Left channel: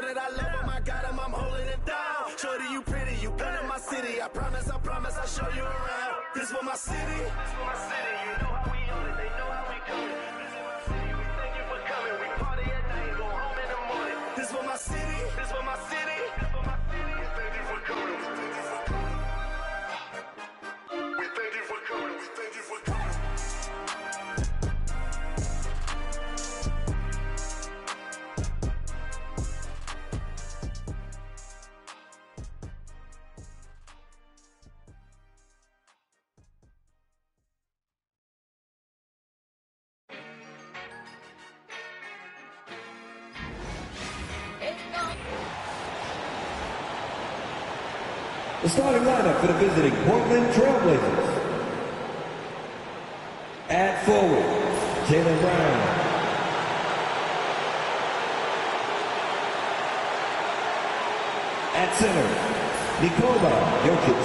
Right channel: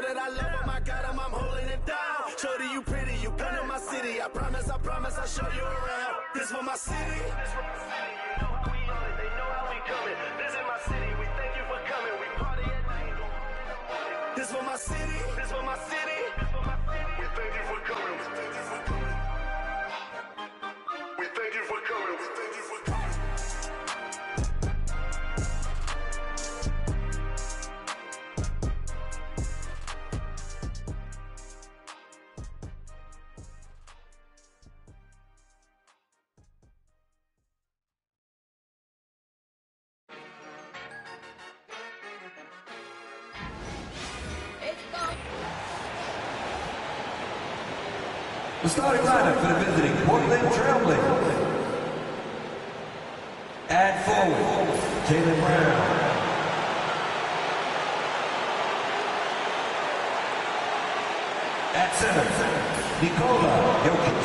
know that I love him, I got him, I'm holding it down. Shorty, you pretty, you been in my city. I promise, I'll show you around. This for my city. This for my city, you know how we on it, they know how we coming. This is my city, we thank you for coming. We party at night, go home in the morning. This for my city, this for my city, this for my city. We thank you for coming, we thank you for coming. We thank you for coming, we thank you for coming. The starting lineup for the visiting Portland Trail Blazers. At forward, Jaylen Brown. At center, Nikola Jokic.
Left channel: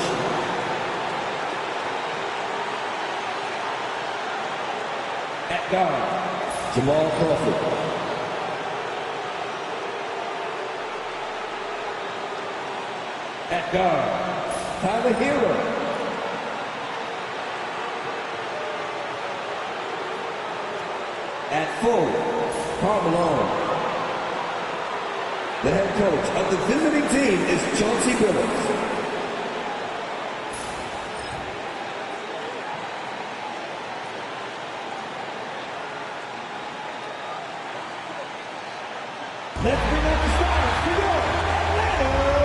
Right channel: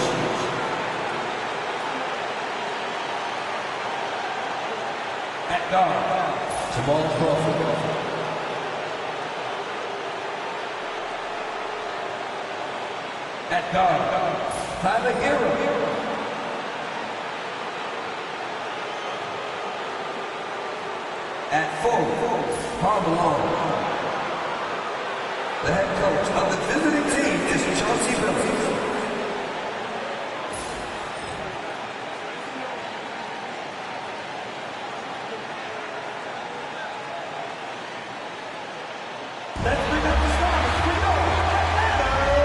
At guard, Jamal Crawford. At guard, Tyler Hero. At forward, Karl Malone. The head coach of the visiting team is Chauncey Billups. Let's bring out the stars for your Atlanta Hawks.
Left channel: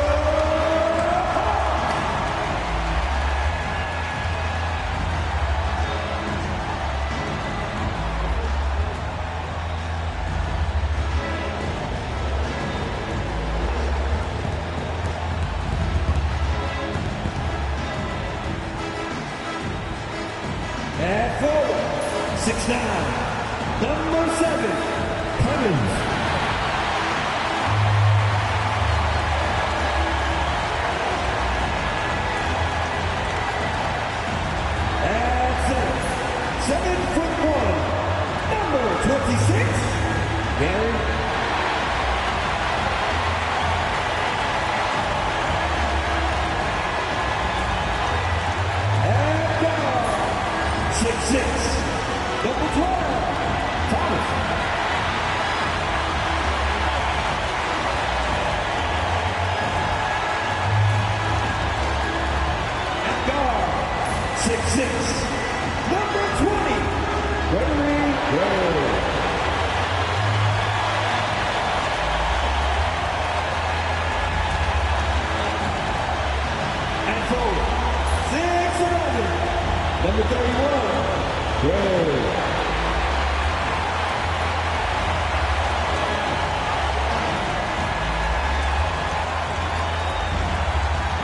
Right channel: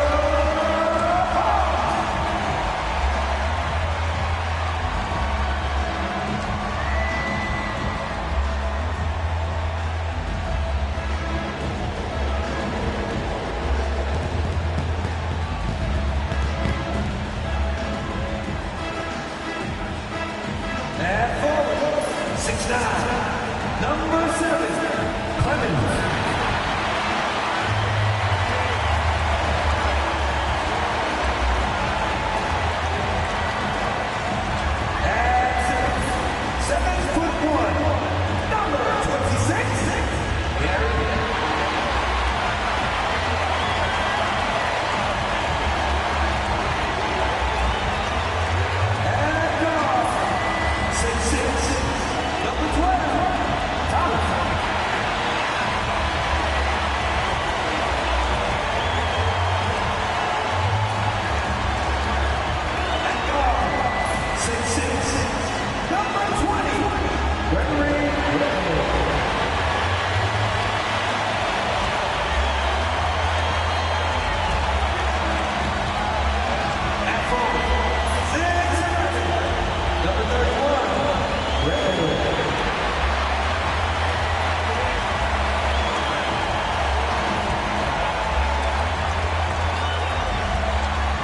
At forward, 6'9", number 7, Clemens. At center, 7'1", number 26, Gary. At guard, 6'6", number 12, Thomas. At guard, 6'6", number 20, Gregory Gray. At forward, 6'11", number 31, Gray.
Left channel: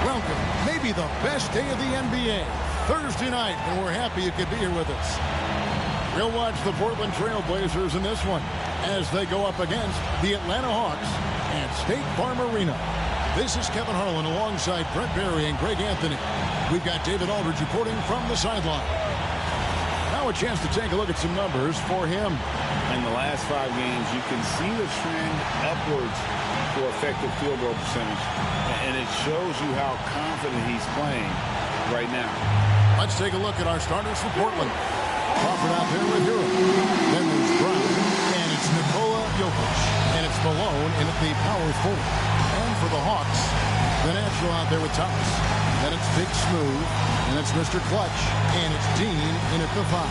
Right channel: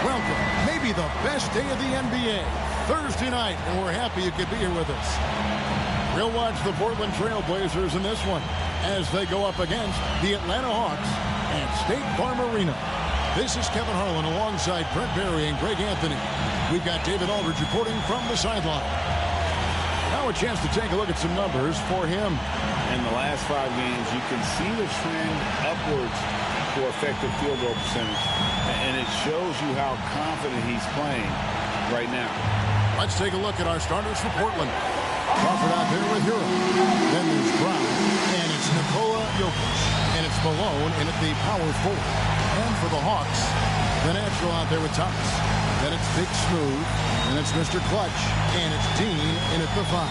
Welcome, maybe the best day of the NBA, Thursday night, and we're happy you could be here with us. We'll watch the Portland Trail Blazers in this one as they go up against the Atlanta Hawks at State Farm Arena. This is Kevin Harlan alongside Brent Barry and Greg Anthony. We've got David Aldridge reporting from the sideline. Now a chance to take a look at some numbers for him. In the last 5 games, you can see the trend upwards for effective field goal percentage, and it shows you how confident he's playing right now. Let's take a look at our starters for Portland. Crawford out there with Hero. Then there's Brown, and it's Nikola Jokic. And it's Malone in at the power forward. And for the Hawks, the natural out there with Thomas. Then it's Big Smooth, and it's Mr. Clutch, and it's Dean in at the 5.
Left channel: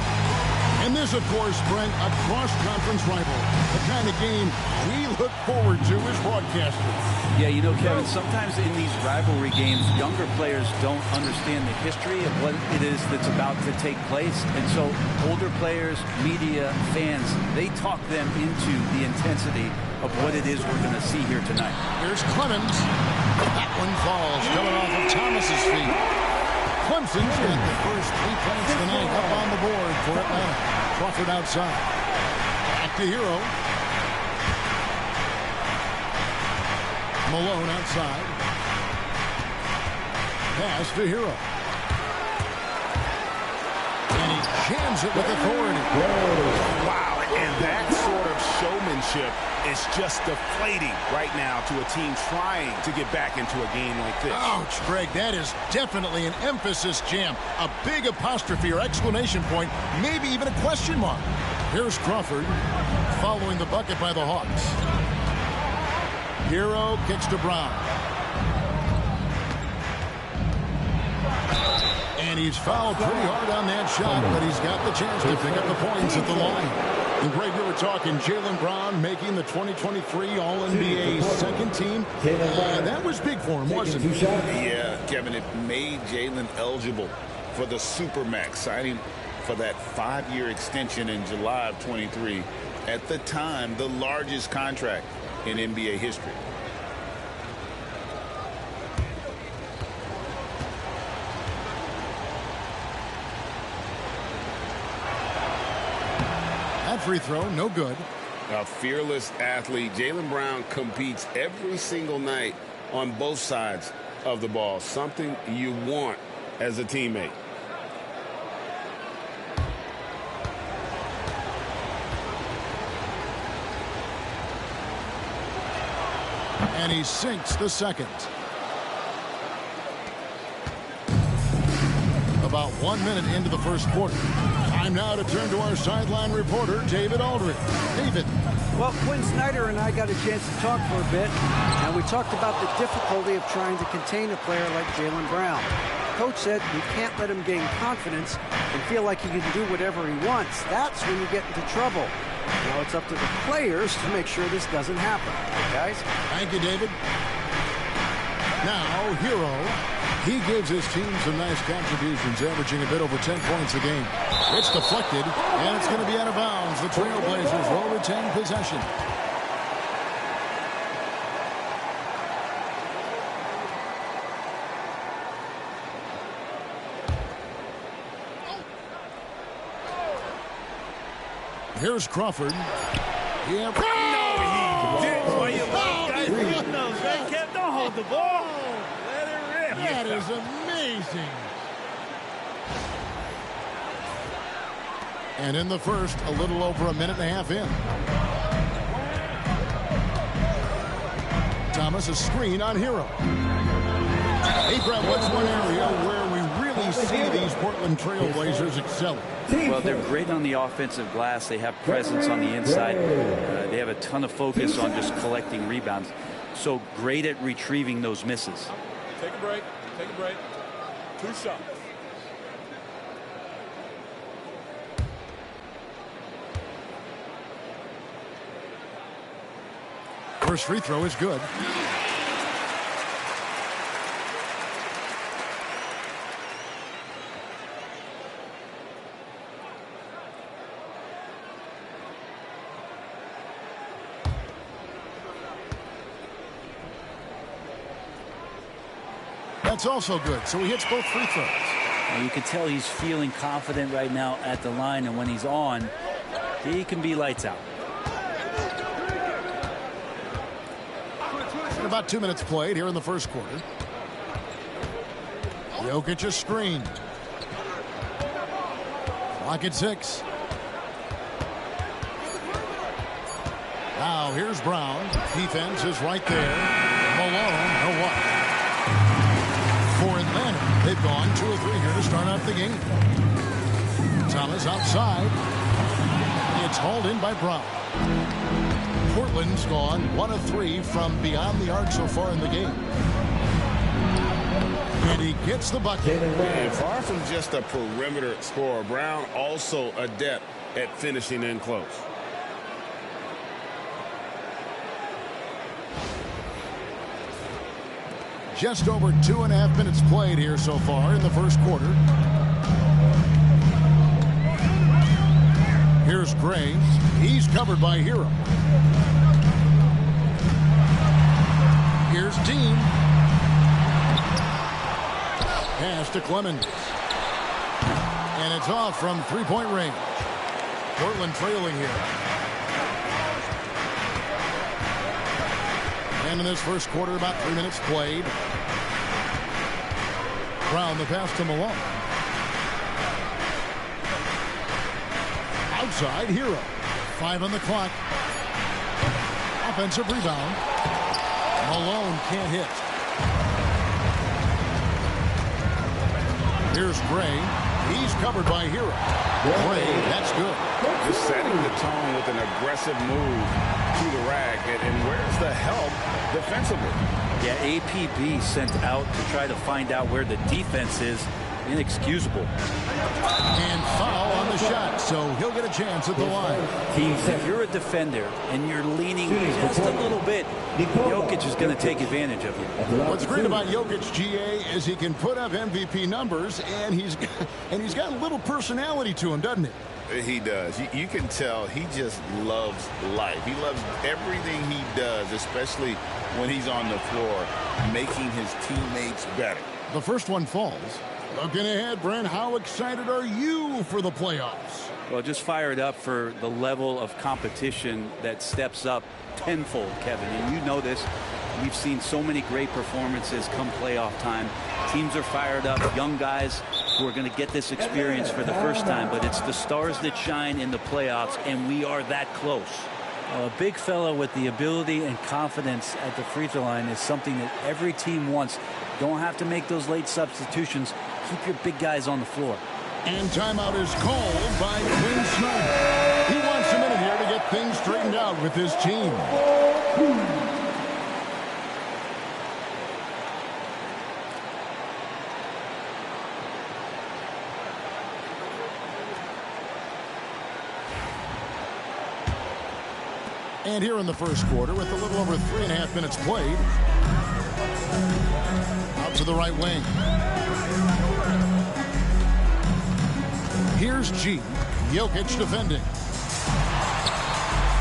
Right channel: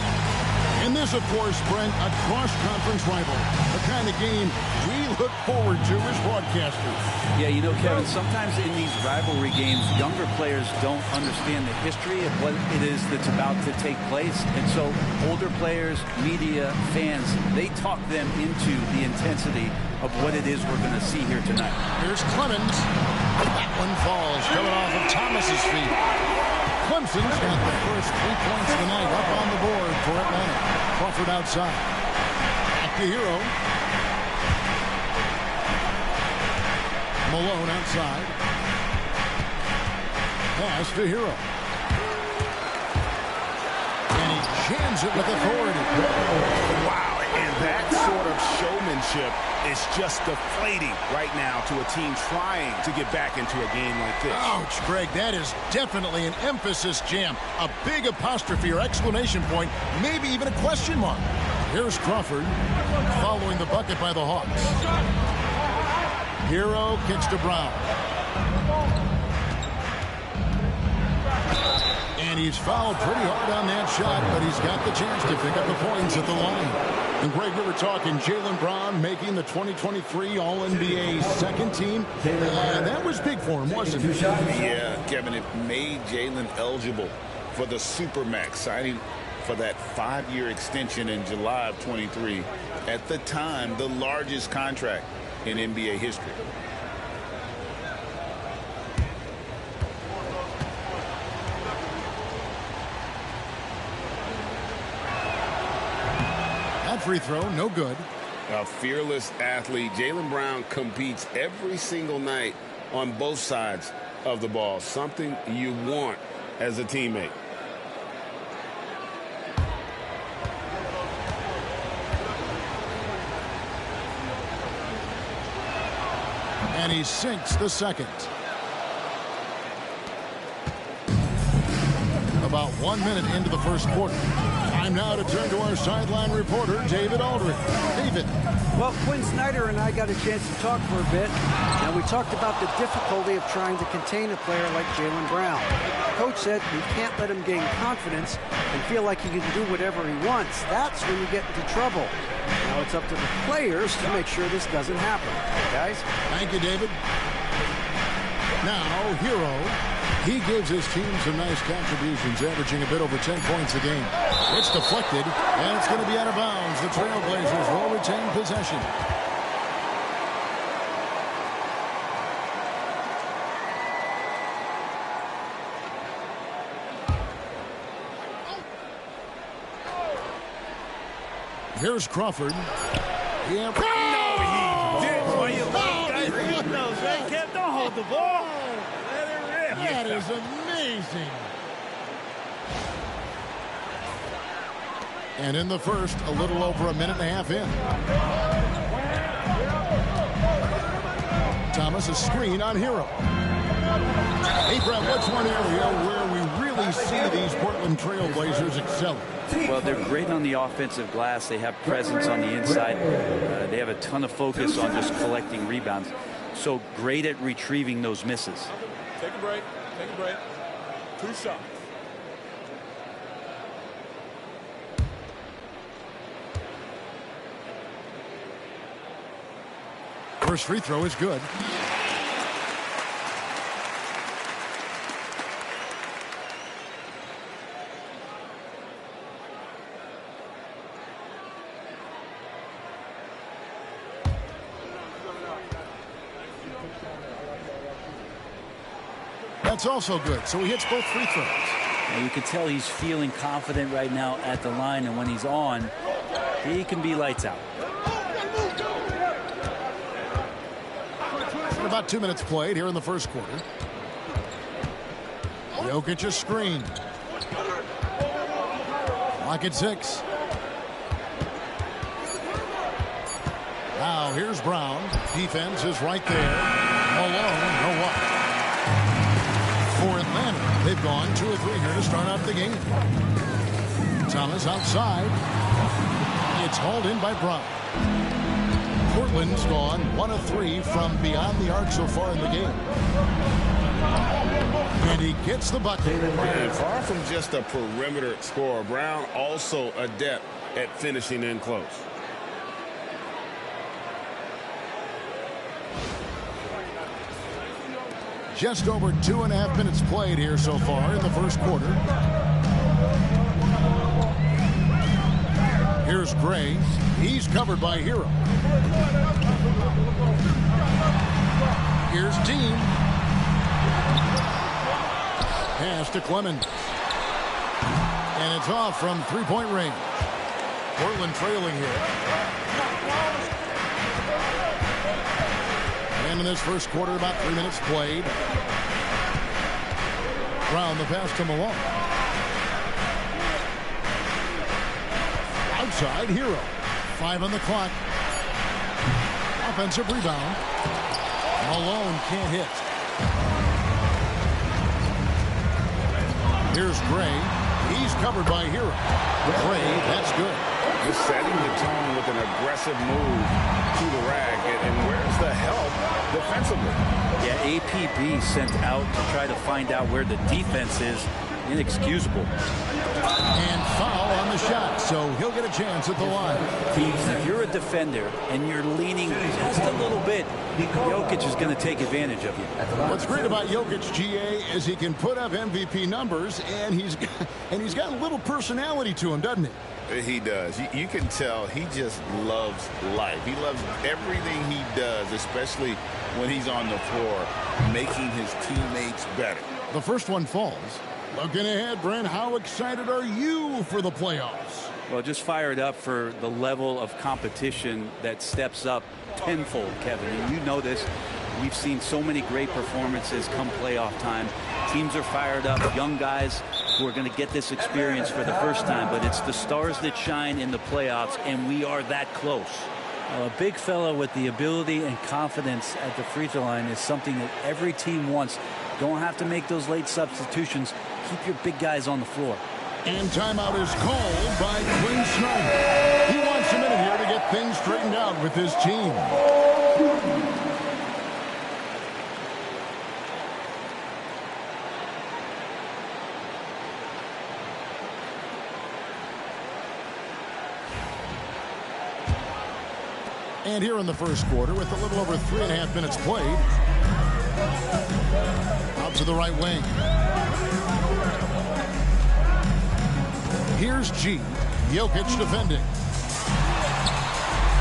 And this, of course, Brent, a cross-conference rival. The kind of game we look forward to as broadcasters. Yeah, you know, Kevin, sometimes in these rivalry games, younger players don't understand the history of what it is that's about to take place. And so older players, media, fans, they talk them into the intensity of what it is we're going to see here tonight. Here's Clemens. That one falls, coming off of Thomas's feet. Clemson's got the first 3 points of the night up on the board for Atlanta. Crawford outside. Back to Hero. Malone outside. Pass to Hero. And And he jams it with authority. Wow, and that sort of showmanship is just deflating right now to a team trying to get back into a game like this. Ouch, Greg, that is definitely an emphasis jam. A big apostrophe or exclamation point, maybe even a question mark. Here's Crawford following the bucket by the Hawks. Hero kicks to Brown. And he's fouled pretty hard on that shot, but he's got the chance to pick up the points at the line. And Greg, we were talking Jaylen Brown making the 2023 All-NBA second team. That was big for him, wasn't it? Yeah, Kevin, it made Jaylen eligible for the Supermax, signing for that 5-year extension in July of 23. At the time, the largest contract in NBA history. That free throw, no good. A fearless athlete. Jaylen Brown competes every single night on both sides of the ball. Something you want as a teammate. And he sinks the second. About 1 minute into the first quarter. Time now to turn to our sideline reporter, David Aldridge. David. Well, Quinn Snyder and I got a chance to talk for a bit, and we talked about the difficulty of trying to contain a player like Jaylen Brown. Coach said we can't let him gain confidence and feel like he can do whatever he wants. That's when you get into trouble. Now it's up to the players to make sure this doesn't happen. Guys? Thank you, David. Now, Hero. He gives his team some nice contributions, averaging a bit over 10 points a game. It's deflected, and it's going to be out of bounds. The Trailblazers will retain possession. Here's Crawford. Yeah. No, he didn't. Why you guys knows, right? Kev, don't hold the ball. Let it rip. That is amazing. And in the first, a little over a minute and a half in. Thomas, a screen on Hero. Hey, Brett, what's one area where we really see these Portland Trailblazers excelling? Well, they're great on the offensive glass. They have presence on the inside. They have a ton of focus on just collecting rebounds. So great at retrieving those misses. Take a break. Take a break. 2 shots. First free throw is good. That's also good. So he hits both free throws. Well, you can tell he's feeling confident right now at the line, and when he's on, he can be lights out. About 2 minutes played here in the first quarter. Jokic a screen. Clock at 6. Now here's Brown. Defense is right there. Malone, no what? For Atlanta, they've gone 2 of 3 here to start out the game. Thomas outside. It's hauled in by Brown. Portland's gone 1 of 3 from beyond the arc so far in the game. And he gets the bucket. And far from just a perimeter scorer, Brown also adept at finishing in close. Just over 2.5 minutes played here so far in the first quarter. Here's Gray. He's covered by Hero. Here's Dean. Pass to Clemens. And it's off from three-point range. Portland trailing here. And in this first quarter, about 3 minutes played. Brown the pass to Malone. side, Hero. 5 on the clock. Offensive rebound. Malone can't hit. Here's Gray. He's covered by Hero. Gray, that's good. Just setting the tone with an aggressive move to the rack. And where's the help defensively? Yeah, APB sent out to try to find out where the defense is. Inexcusable. And foul on the shot, so he'll get a chance at the line. If you're a defender and you're leaning just a little bit, Jokic is going to take advantage of you. What's great about Jokic, GA, is he can put up MVP numbers, and he's got a little personality to him, doesn't he? He does. You can tell he just loves life. He loves everything he does, especially when he's on the floor, making his teammates better. The first one falls. Looking ahead, Brent, how excited are you for the playoffs? Well, just fired up for the level of competition that steps up tenfold, Kevin. And you know this. We've seen so many great performances come playoff time. Teams are fired up, young guys who are going to get this experience for the first time. But it's the stars that shine in the playoffs, and we are that close. A big fellow with the ability and confidence at the free throw line is something that every team wants. Don't have to make those late substitutions. Keep your big guys on the floor. And timeout is called by Quinn Snyder. He wants a minute here to get things straightened out with his team. And here in the first quarter, with a little over 3.5 minutes played, out to the right wing. Here's G. Jokic defending.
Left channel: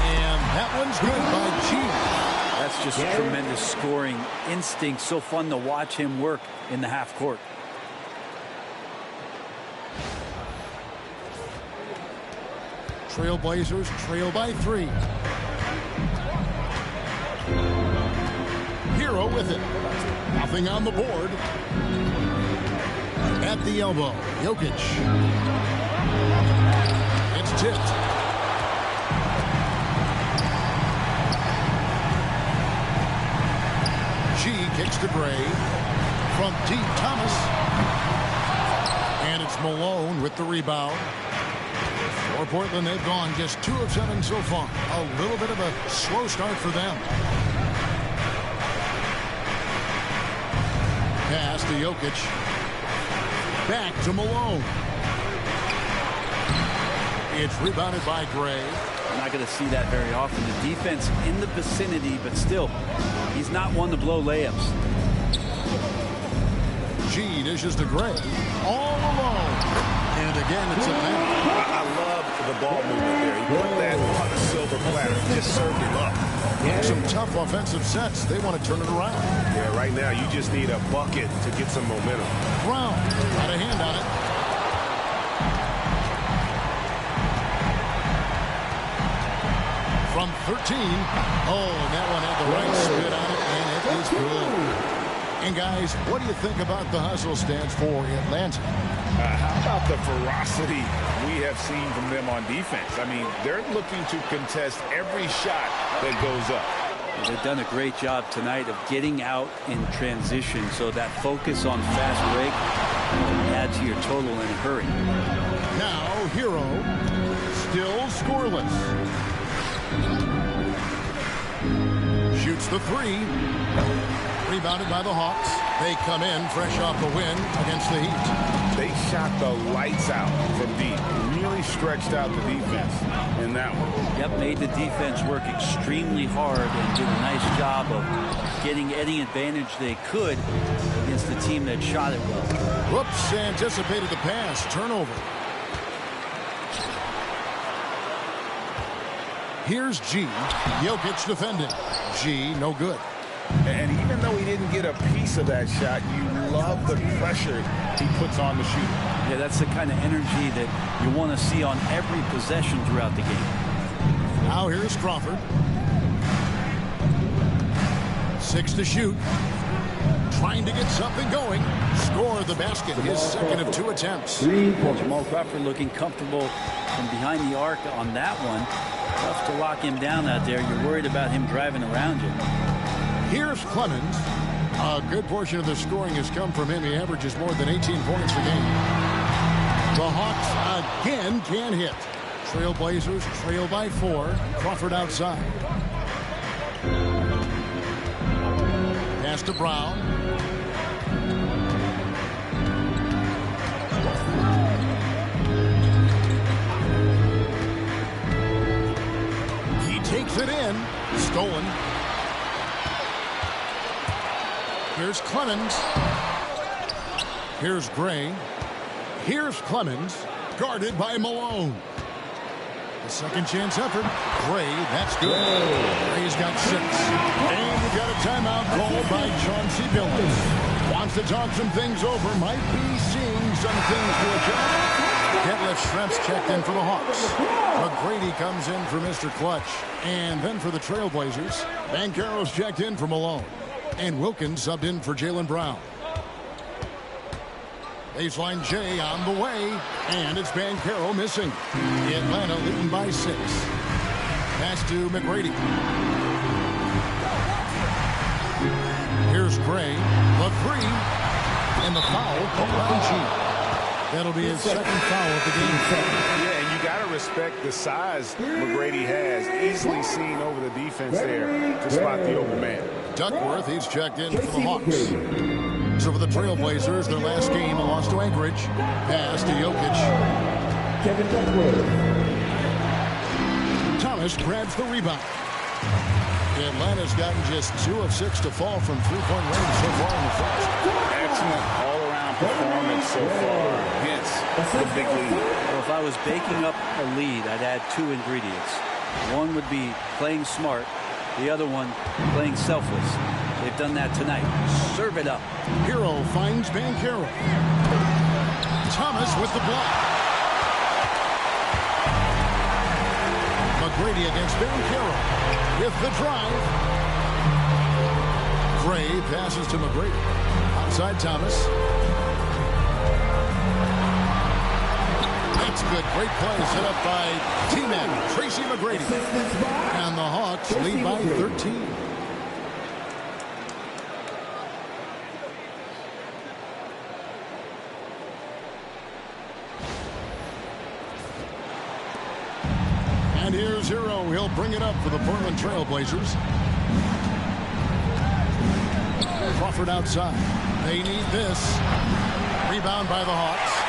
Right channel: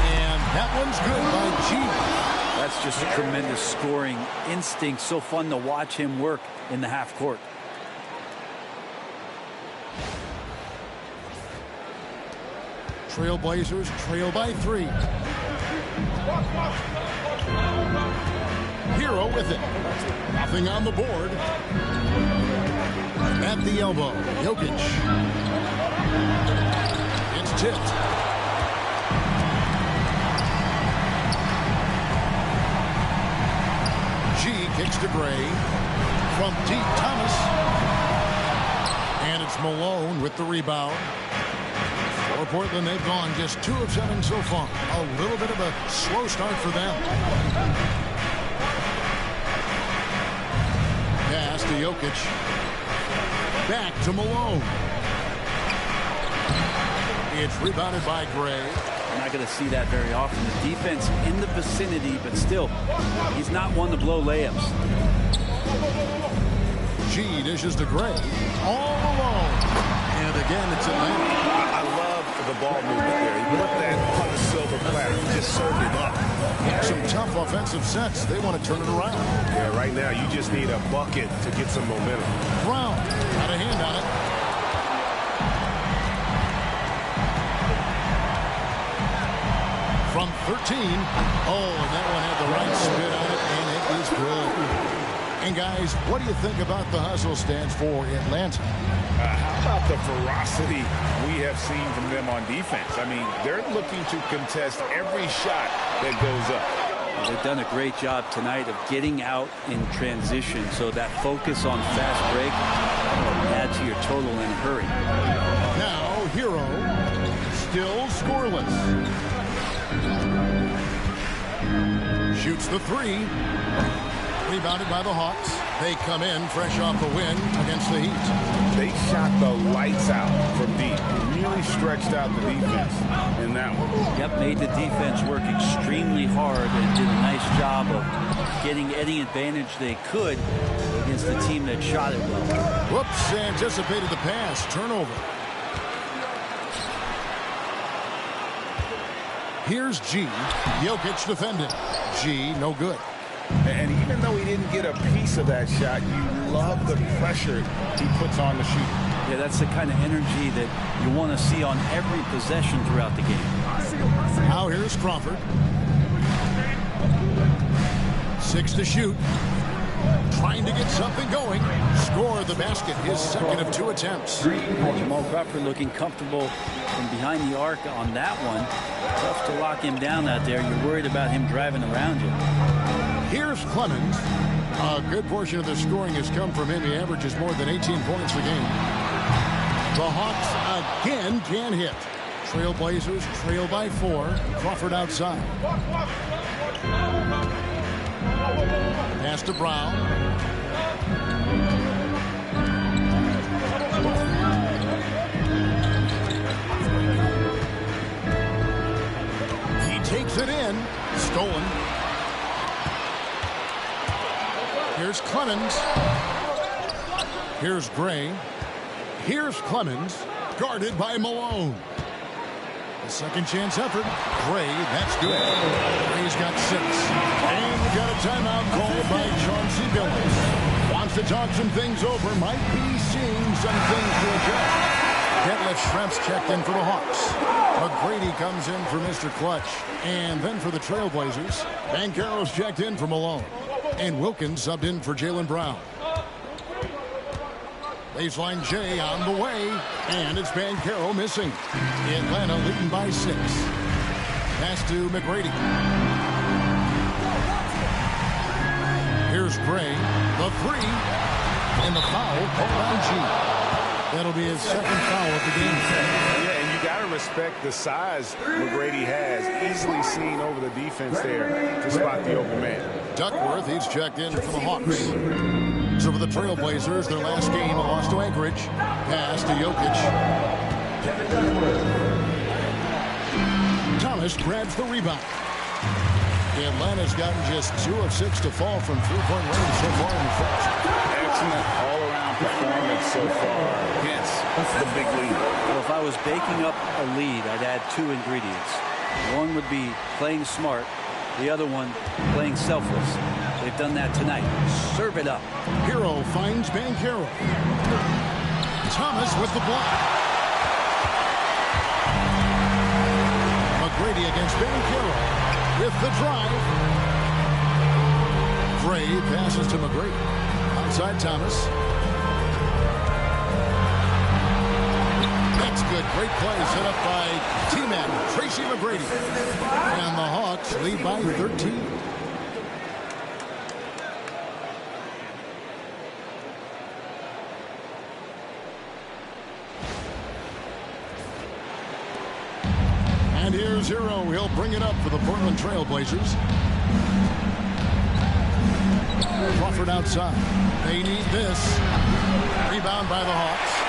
And that one's good by G. That's just tremendous scoring instinct. So fun to watch him work in the half court. Trailblazers trail by 3. Hero with it. Nothing on the board. At the elbow, Jokic. It's tipped. G kicks to Gray. From deep, Thomas. And it's Malone with the rebound. For Portland, they've gone just 2 of 7 so far. A little bit of a slow start for them. Pass to Jokic. Back to Malone. It's rebounded by Gray. We're not going to see that very often. The defense in the vicinity, but still, he's not one to blow layups. G dishes to Gray. All alone. And again, it's Atlanta. I love the ball movement there. He put that on the silver platter. He just served him up. Some tough offensive sets. They want to turn it around. Yeah, right now you just need a bucket to get some momentum. Brown got a hand on it. From 13. Oh, and that one had the right spit on it, and it is good. And guys, what do you think about the hustle stance for Atlanta? How about the ferocity we have seen from them on defense? I mean, they're looking to contest every shot that goes up. Well, they've done a great job tonight of getting out in transition, so that focus on fast break will add to your total in a hurry. Now, Hero still scoreless. Shoots the 3. Rebounded by the Hawks. They come in fresh off the win against the Heat. They shot the lights out from deep. Really stretched out the defense in that one. Yep, made the defense work extremely hard and did a nice job of getting any advantage they could against the team that shot it well. Whoops, anticipated the pass. Turnover. Here's G. Jokic defending. G, no good. And even though he didn't get a piece of that shot, you love the pressure he puts on the shooter. Yeah, that's the kind of energy that you want to see on every possession throughout the game. Now here's Crawford. 6 to shoot. trying to get something going. Score the basket, his second of 2 attempts. Jamal Crawford looking comfortable from behind the arc on that one. Tough to lock him down out there. You're worried about him driving around you. Here's Clemens. A good portion of the scoring has come from him. He averages more than 18 points a game. The Hawks again can't hit. Trailblazers trail by 4. Crawford outside. Pass to Brown. He takes it in. Stolen. Here's Clemens. Here's Gray. Here's Clemens. Guarded by Malone. The second chance effort. Gray, that's good. Gray's got 6. And we've got a timeout called by Chauncey Billups. Wants to talk some things over. Might be seeing some things to adjust. Detlef Schrempf checked in for the Hawks. McGrady comes in for Mr. Clutch. And then for the Trailblazers, Banchero's checked in for Malone. And Wilkins subbed in for Jaylen Brown. Baseline J on the way, and it's Banchero missing. Atlanta leading by 6. Pass to McGrady. Here's Gray, the 3, and the foul called on G. That'll be his second foul of the game. Yeah, and you got to respect the size McGrady has. Easily seen over the defense there to spot the open man. Duckworth, he's checked in for the Hawks. So for the Trailblazers, their last game, a loss to Anchorage. Pass to Jokic. Thomas grabs the rebound. Atlanta's gotten just 2 of 6 to fall from three-point range so far in the first. Excellent all-around performance so far. Hence the big lead. Well, if I was baking up a lead, I'd add 2 ingredients. One would be playing smart. The other one, playing selfless. They've done that tonight. Serve it up. Hero finds Banchero. Thomas with the block. McGrady against Banchero with the drive. Gray passes to McGrady. Outside Thomas. That's good. Great play set up by T-Man, Tracy McGrady. And the Hawks lead by 13. And here's Hero. He'll bring it up for the Portland Trailblazers. Crawford outside. They need this. Rebound by the Hawks.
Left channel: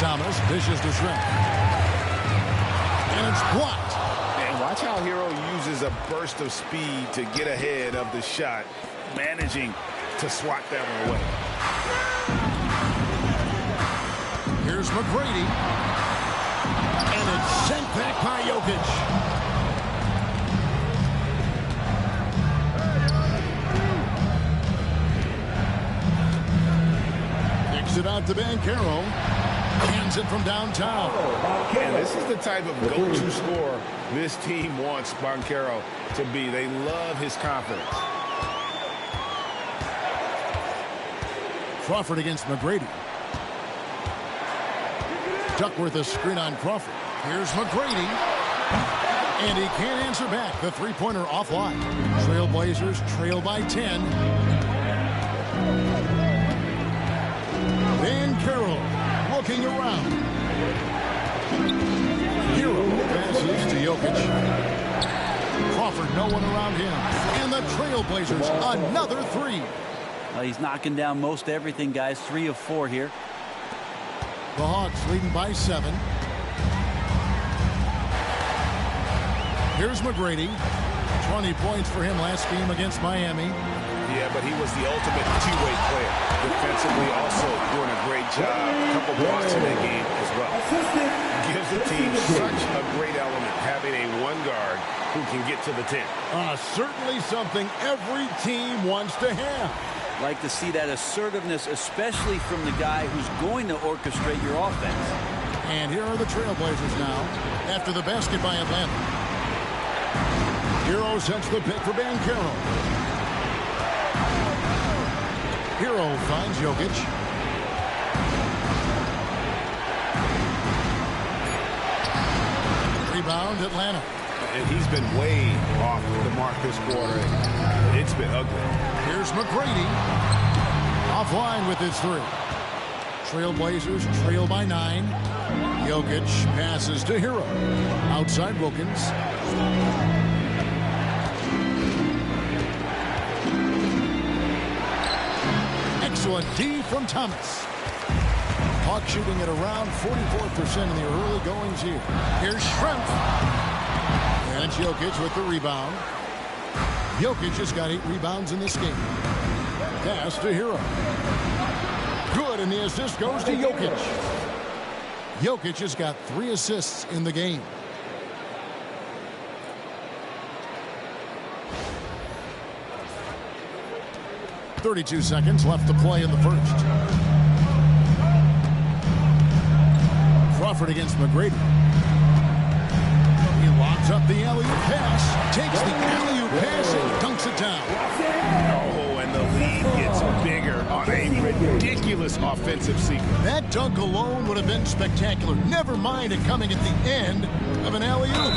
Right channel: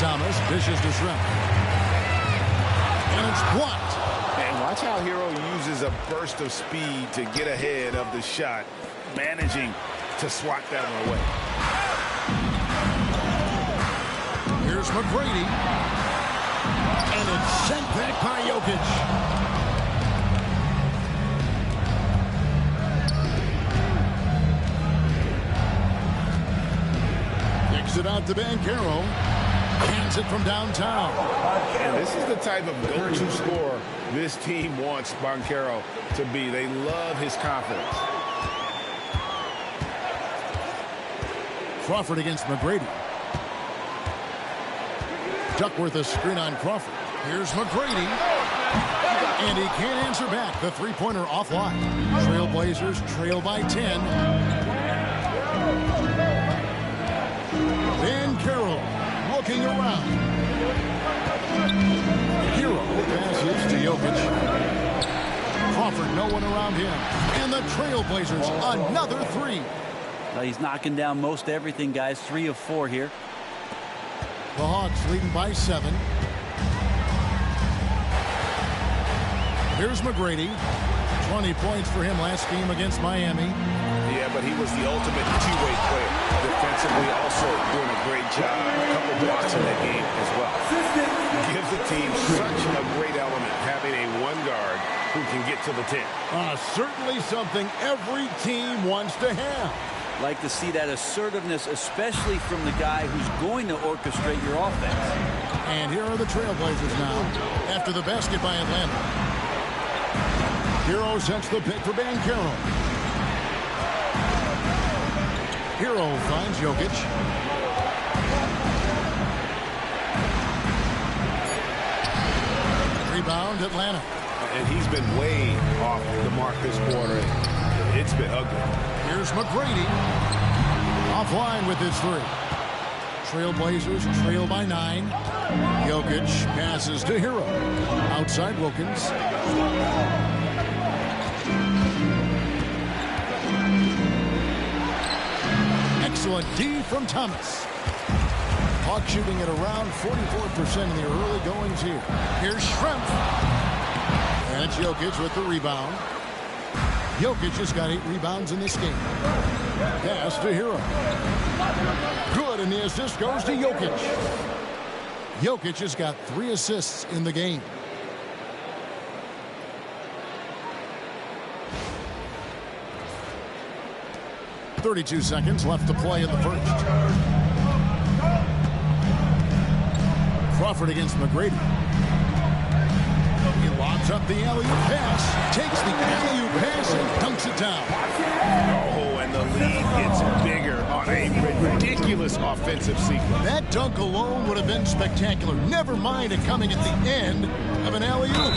Thomas dishes to Schrempf. And it's blocked. And watch how Hero uses a burst of speed to get ahead of the shot, managing to swat that one away. Here's McGrady. And it's sent back by Jokic. Kicks it out to Banchero. Hands it from downtown. And this is the type of go-to scorer this team wants Banchero to be. They love his confidence. Crawford against McGrady. Duckworth a screen on Crawford. Here's McGrady. And he can't answer back. The three-pointer offline. Trailblazers trail by 10. Banchero looking around. Hero passes to Jokic. Crawford, no one around him. And the Trailblazers, another 3. He's knocking down most everything, guys. 3 of 4 here. The Hawks leading by 7. Here's McGrady. 20 points for him last game against Miami. Yeah, but he was the ultimate two-way player. Defensively, also doing a great job. A couple blocks in that game as well. Gives the team such a great element, having a one guard who can get to the 10. Certainly something every team wants to have. Like to see that assertiveness, especially from the guy who's going to orchestrate your offense. And here are the Trailblazers now after the basket by Atlanta. Hero sets the pick for Banchero. Hero finds Jokic. Rebound, Atlanta. And he's been way off the mark this quarter. It's been ugly. Here's McGrady. Offline with his three. Trailblazers trail by 9. Jokic passes to Hero. Outside Wilkins. Excellent D from Thomas. Hawks shooting at around 44% in the early goings here. Here's Schrempf. And it's Jokic with the rebound. Jokic has got 8 rebounds in this game. Pass to Hero. Good, and the assist goes to Jokic. Jokic has got 3 assists in the game. .32 seconds left to play in the first. Crawford against McGrady. He lobs up the alley-oop pass, takes the alley-oop pass and dunks it down. Oh, and the lead gets bigger on a ridiculous offensive sequence. That dunk alone would have been spectacular. Never mind it coming at the end of an alley-oop.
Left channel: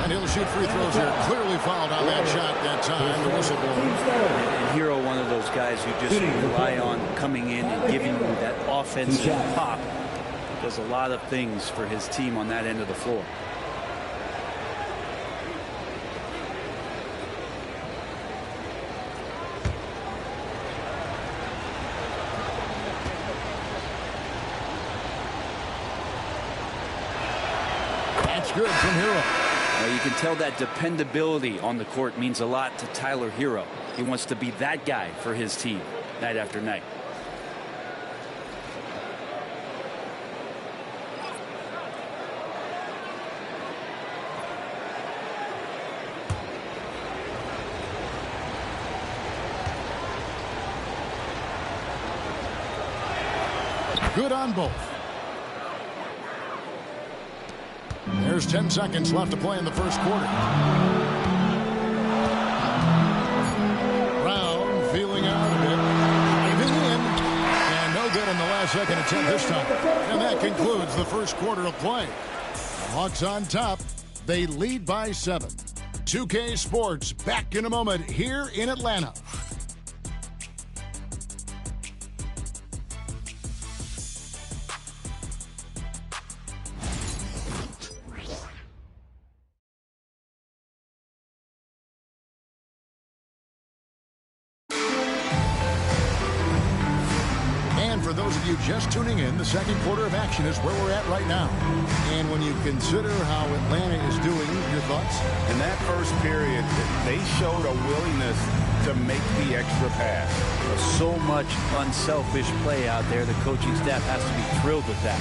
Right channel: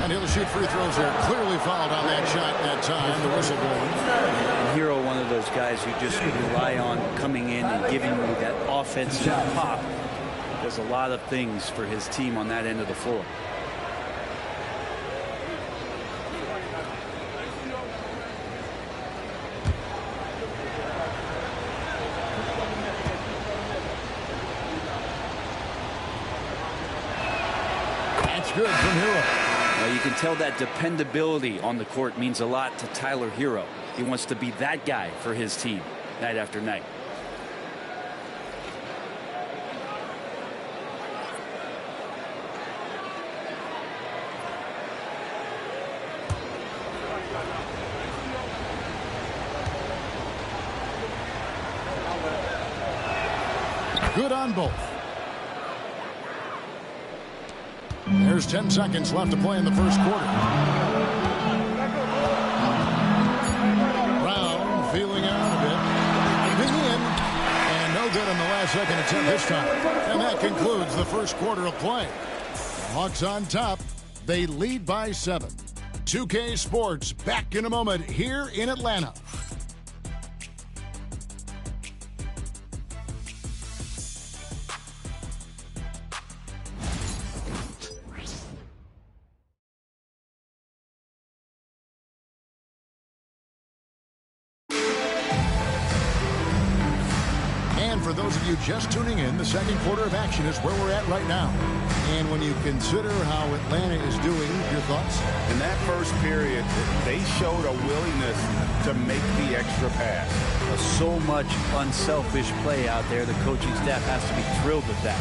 And he'll shoot free throws here. Clearly fouled on that shot that time. The whistle blowing. And Hero, one of those guys who just rely on coming in and giving you that offensive pop. Does a lot of things for his team on that end of the floor. That's good from Hero. Well, you can tell that dependability on the court means a lot to Tyler Hero. He wants to be that guy for his team night after night. Good on both. There's 10 seconds left to play in the first quarter. Brown feeling out a bit. Driving in. And no good in the last second attempt this time. And that concludes the first quarter of play. The Hawks on top. They lead by 7. 2K Sports back in a moment here in Atlanta. For those of you just tuning in, the second quarter of action is where we're at right now. And when you consider how Atlanta is doing, your thoughts? In that first period, they showed a willingness to make the extra pass. So much unselfish play out there. The coaching staff has to be thrilled with that.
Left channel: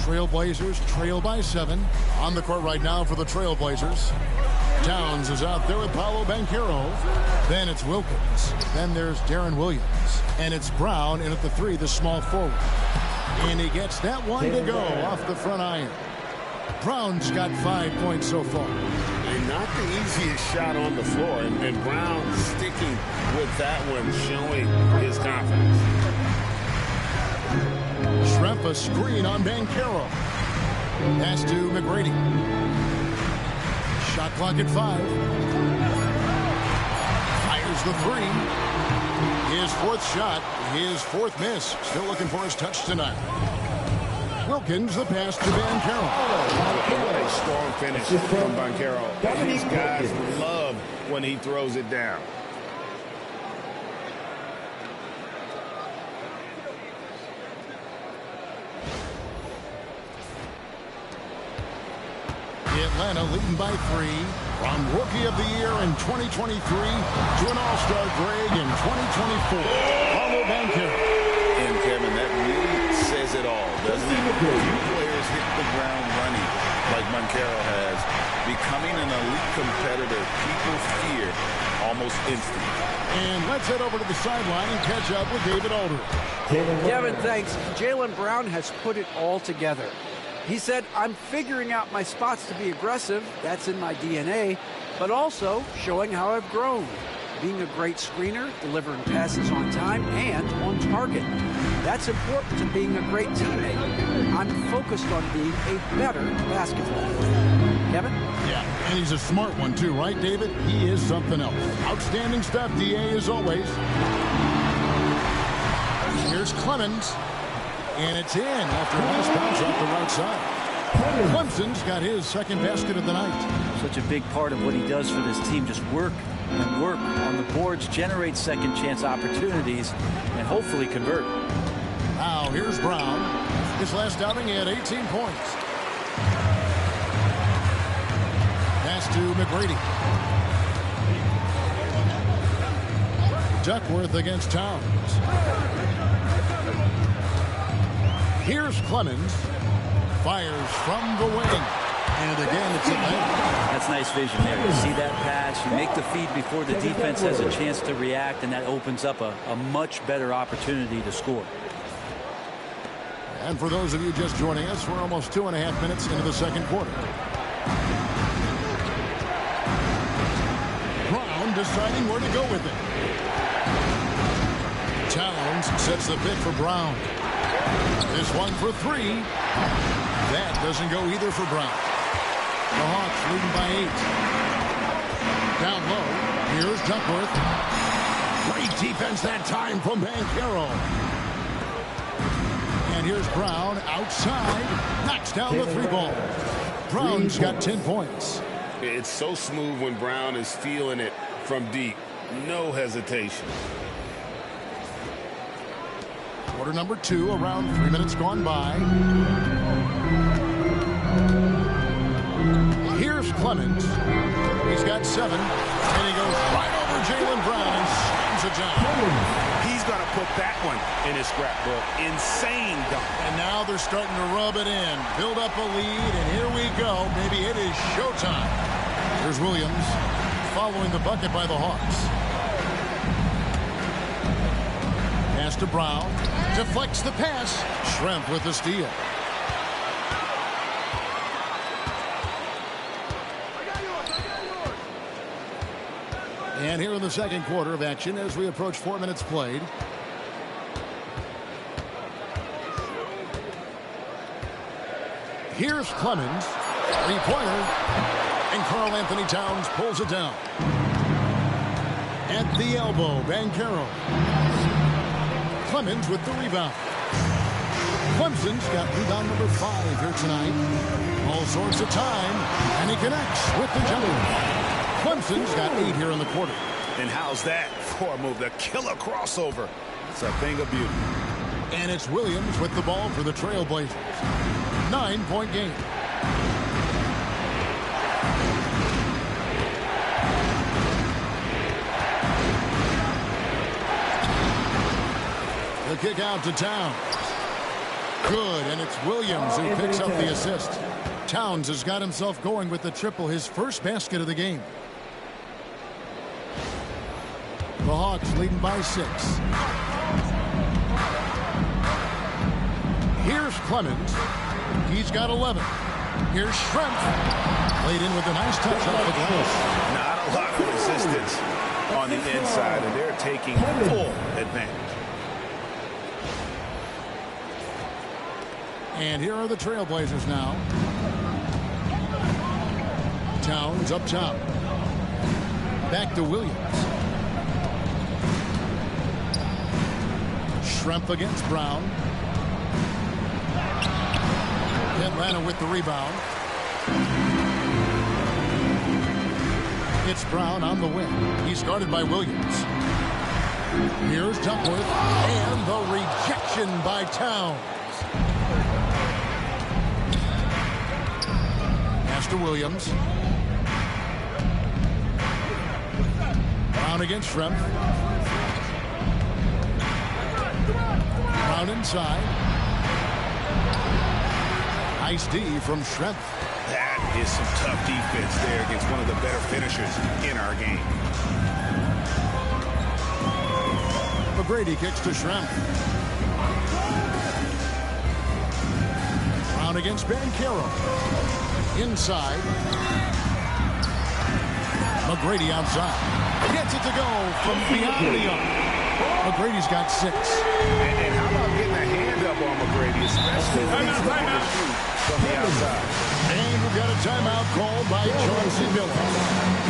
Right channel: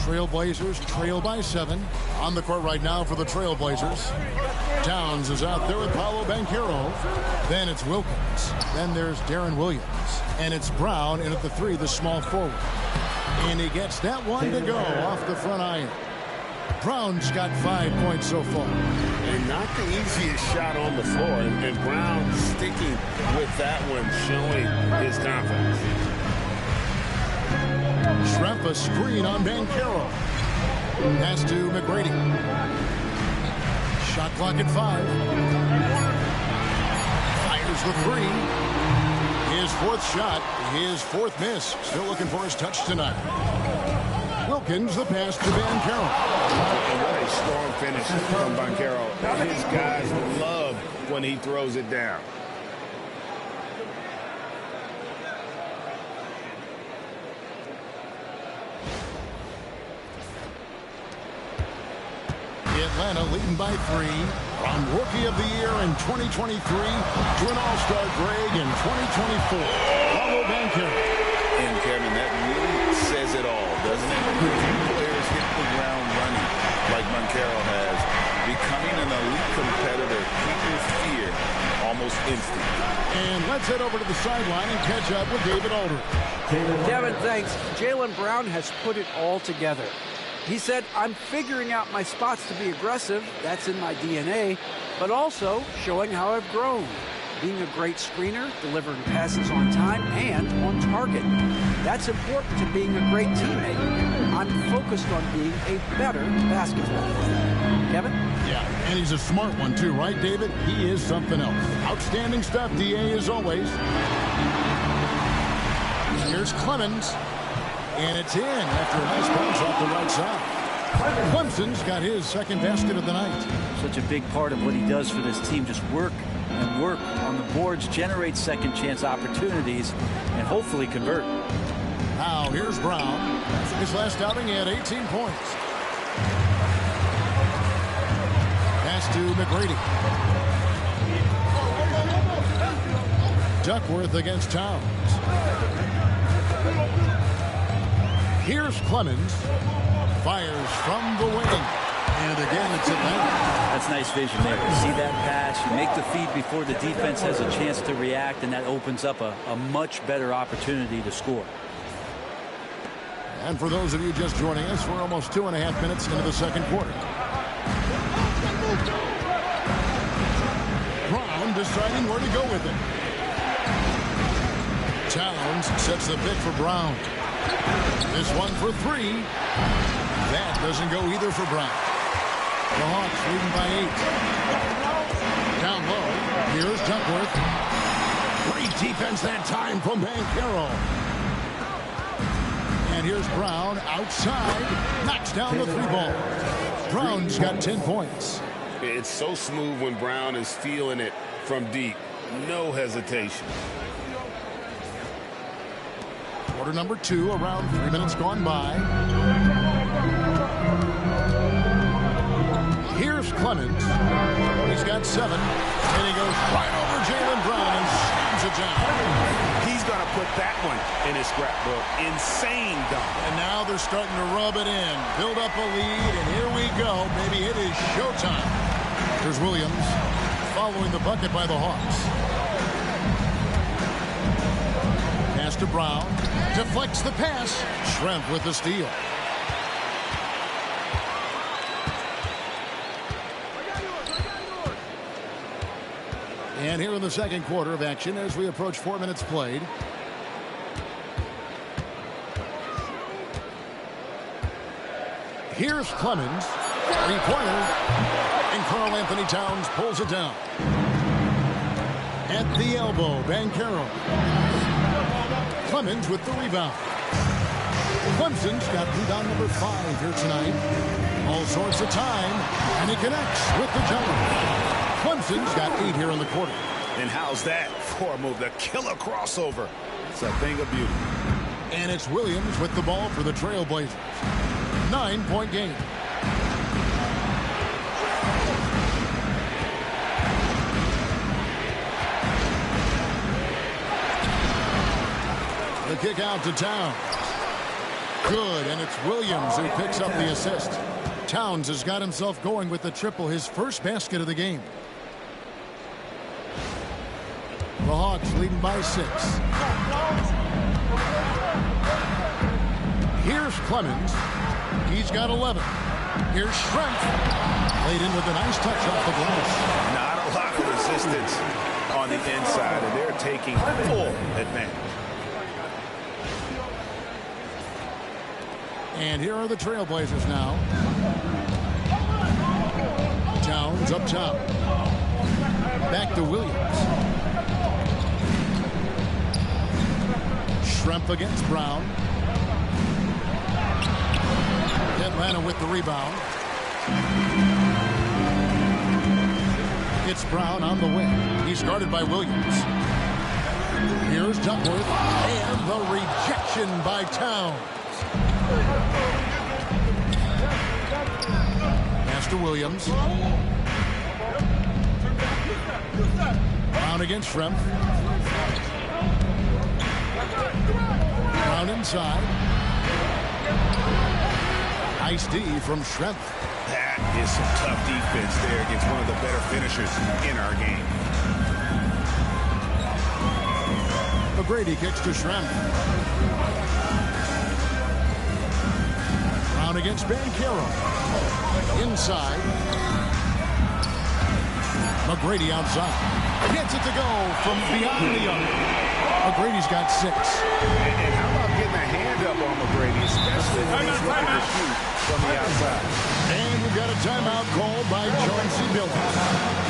Trailblazers trail by 7. On the court right now for the Trailblazers. Towns is out there with Paolo Banchero. Then it's Wilkins. Then there's Darren Williams. And it's Brown in at the 3, the small forward. And he gets that one to go off the front iron. Brown's got 5 points so far. And not the easiest shot on the floor. And Brown sticking with that one, showing his confidence. Schrempf a screen on Banchero. Pass to McGrady. Shot clock at 5. Fires the 3. His 4th shot, his 4th miss. Still looking for his touch tonight. Wilkins, the pass to Banchero. And what a strong finish from Banchero. His guys love when he throws it down. Atlanta leading by 3. From Rookie of the Year in 2023 to an All-Star Greg in 2024. Paolo Banchero. And Kevin, that really says it all, doesn't it? A few players hit the ground running like Banchero has. Becoming an elite competitor, people fear almost instantly. And let's head over to the sideline and catch up with David Aldridge. Kevin, thanks. Jaylen Brown has put it all together. He said, I'm figuring out my spots to be aggressive. That's in my DNA, but also showing how I've grown. Being a great screener, delivering passes on time and on target. That's important to being a great teammate. I'm focused on being a better basketball player. Kevin? Yeah, and he's a smart one too, right, David? He is something else. Outstanding stuff, DA, as always. Here's Clemens, and it's in after a nice bounce off the right side. Clemson's got his second basket of the night. Such a big part of what he does for this team, just work and work on the boards, generate second chance opportunities, and hopefully convert. Now here's Brown. His last outing, he had 18 points. Pass to McGrady. Duckworth against Towns. Here's Clemens. Fires from the wing. And again, it's Atlanta. That's nice vision there. You see that pass, you make the feed before the defense has a chance to react, and that opens up a much better opportunity to score. And for those of you just joining us, we're almost 2.5 minutes into the second quarter. Brown deciding where to go with it. Towns sets the pick for Brown. This one for three. That doesn't go either for Brown. The Hawks leading by 8. Down low, here's Duckworth. Great defense that time from Banchero. And here's Brown outside. Knocks down the 3 ball. Brown's got 10 points. It's so smooth when Brown is feeling it from deep. No hesitation. Quarter number 2, around 3 minutes gone by. Here's Clemens. He's got 7. And he goes right over Jaylen Brown and slams it down. He's going to put that one in his scrapbook. Insane dunk. And now they're starting to rub it in. Build up a lead, and here we go. Maybe it is showtime. Here's Williams following the bucket by the Hawks. Pass to Brown. Deflects the pass. Schrempf with the steal. And here in the second quarter of action as we approach 4 minutes played. Here's Clemens. 3-pointer. And Karl Anthony Towns pulls it down. At the elbow, Banchero. Clemens with the rebound. Clemson's got rebound number 5 here tonight. All sorts of time. And he connects with the jumper. Clemson's got 8 here in the quarter. And how's that for a move? The killer crossover. It's a thing of beauty. And it's Williams with the ball for the Trailblazers. 9-point game. The kick out to Towns. Good, and it's Williams who picks up the assist. Towns has got himself going with the triple, his first basket of the game. The Hawks leading by 6. Here's Clemens. He's got 11. Here's Schrempf. Played in with a nice touch off the glass. Not a lot of resistance on the inside, and they're taking full advantage. And here are the Trailblazers now. Towns up top. Back to Williams. Schrempf against Brown. Atlanta with the rebound. It's Brown on the wing. He's guarded by Williams. Here's Duckworth. And the rejection by Towns. Pass to Williams. Brown against Schrempf. Brown inside. Nice D from Schrempf. That is some tough defense there against one of the better finishers in our game. McGrady kicks to Schrempf. Brown against Banchero. Inside. McGrady outside. Gets it to go from beyond the arc. McGrady's got 6. And how about getting a hand up on McGrady, especially when he's looking to shoot from the outside. And we've got a timeout called by Chauncey Billups.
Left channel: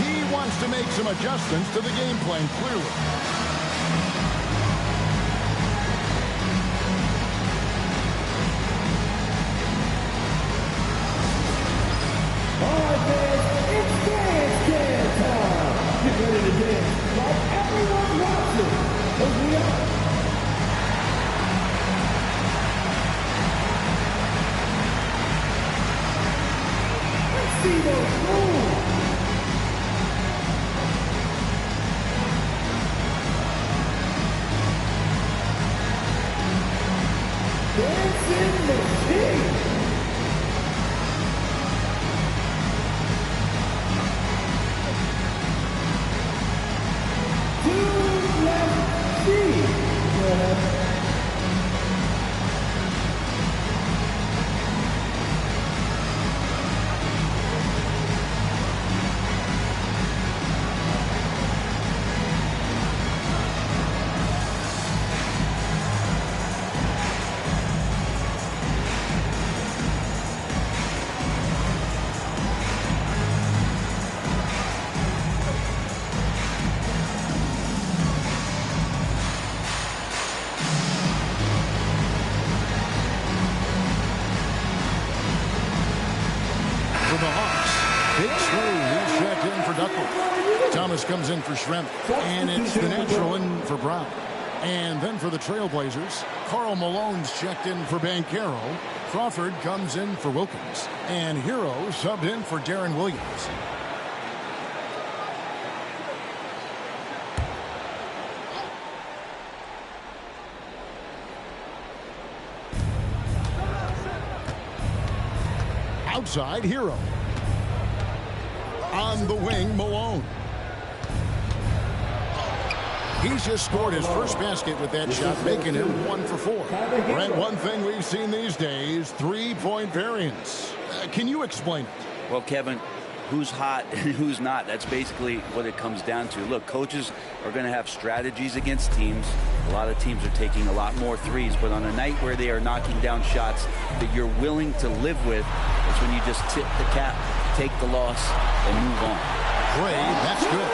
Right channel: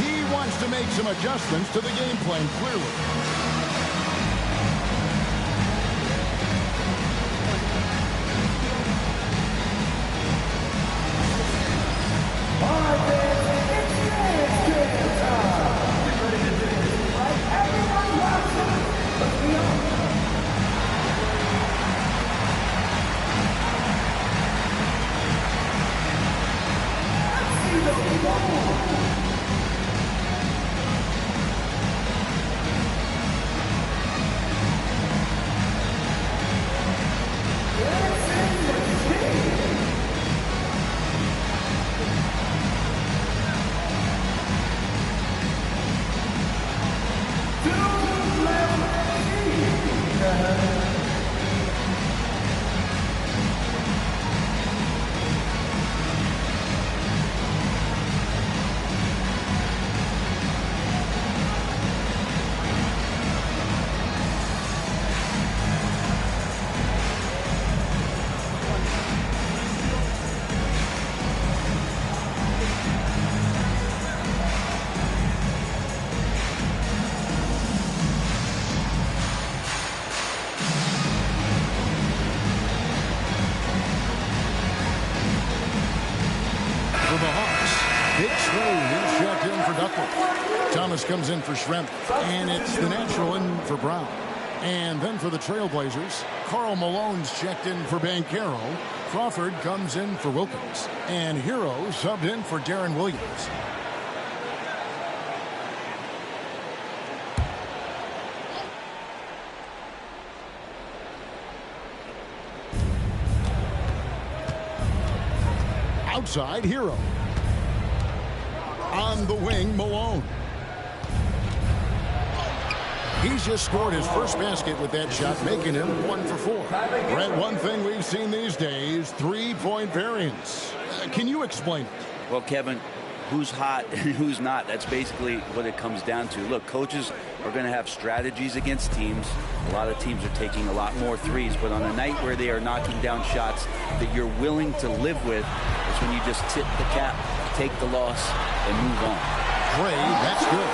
He wants to make some adjustments to the game plan, clearly. All right, fans, it's dance time. Get ready to dance like everyone watching. Let's be on. Let's see the move. Dancing machine. For the Hawks, Big Smooth, he's checked in for Duckworth. Thomas comes in for Schrempf, and it's the natural in for Brown. And then for the Trailblazers, Karl Malone's checked in for Banchero. Crawford comes in for Wilkins. And Hero subbed in for Darren Williams. Outside, Hero. On the wing, Malone. He's just scored his first basket with that shot, making him 1 for 4. Brett, one thing we've seen these days, three-point variance. Can you explain it? Well, Kevin, who's hot and who's not? That's basically what it comes down to. Look, coaches are going to have strategies against teams. A lot of teams are taking a lot more threes, but on a night where they are knocking down shots that you're willing to live with, it's when you just tip the cap, take the loss, and move on. Gray, that's good.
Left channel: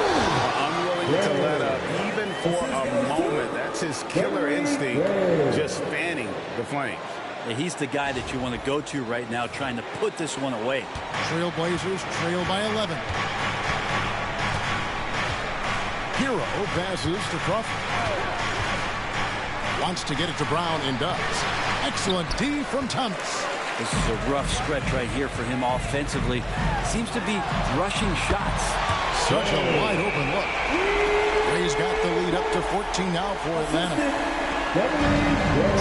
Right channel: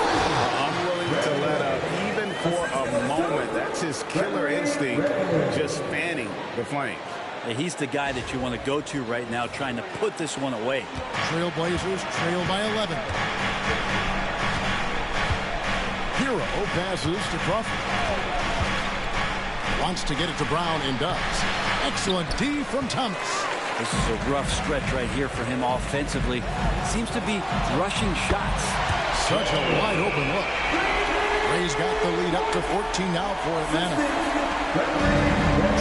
Unwilling to let up, even for a moment. That's his killer instinct, just fanning the flames. Yeah, he's the guy that you want to go to right now, trying to put this one away. Trailblazers trail by 11. Hero passes to Crawford. Wants to get it to Brown and does. Excellent D from Thomas. This is a rough stretch right here for him offensively. Seems to be rushing shots. Such a wide open look. Ray's got the lead up to 14 now for Atlanta.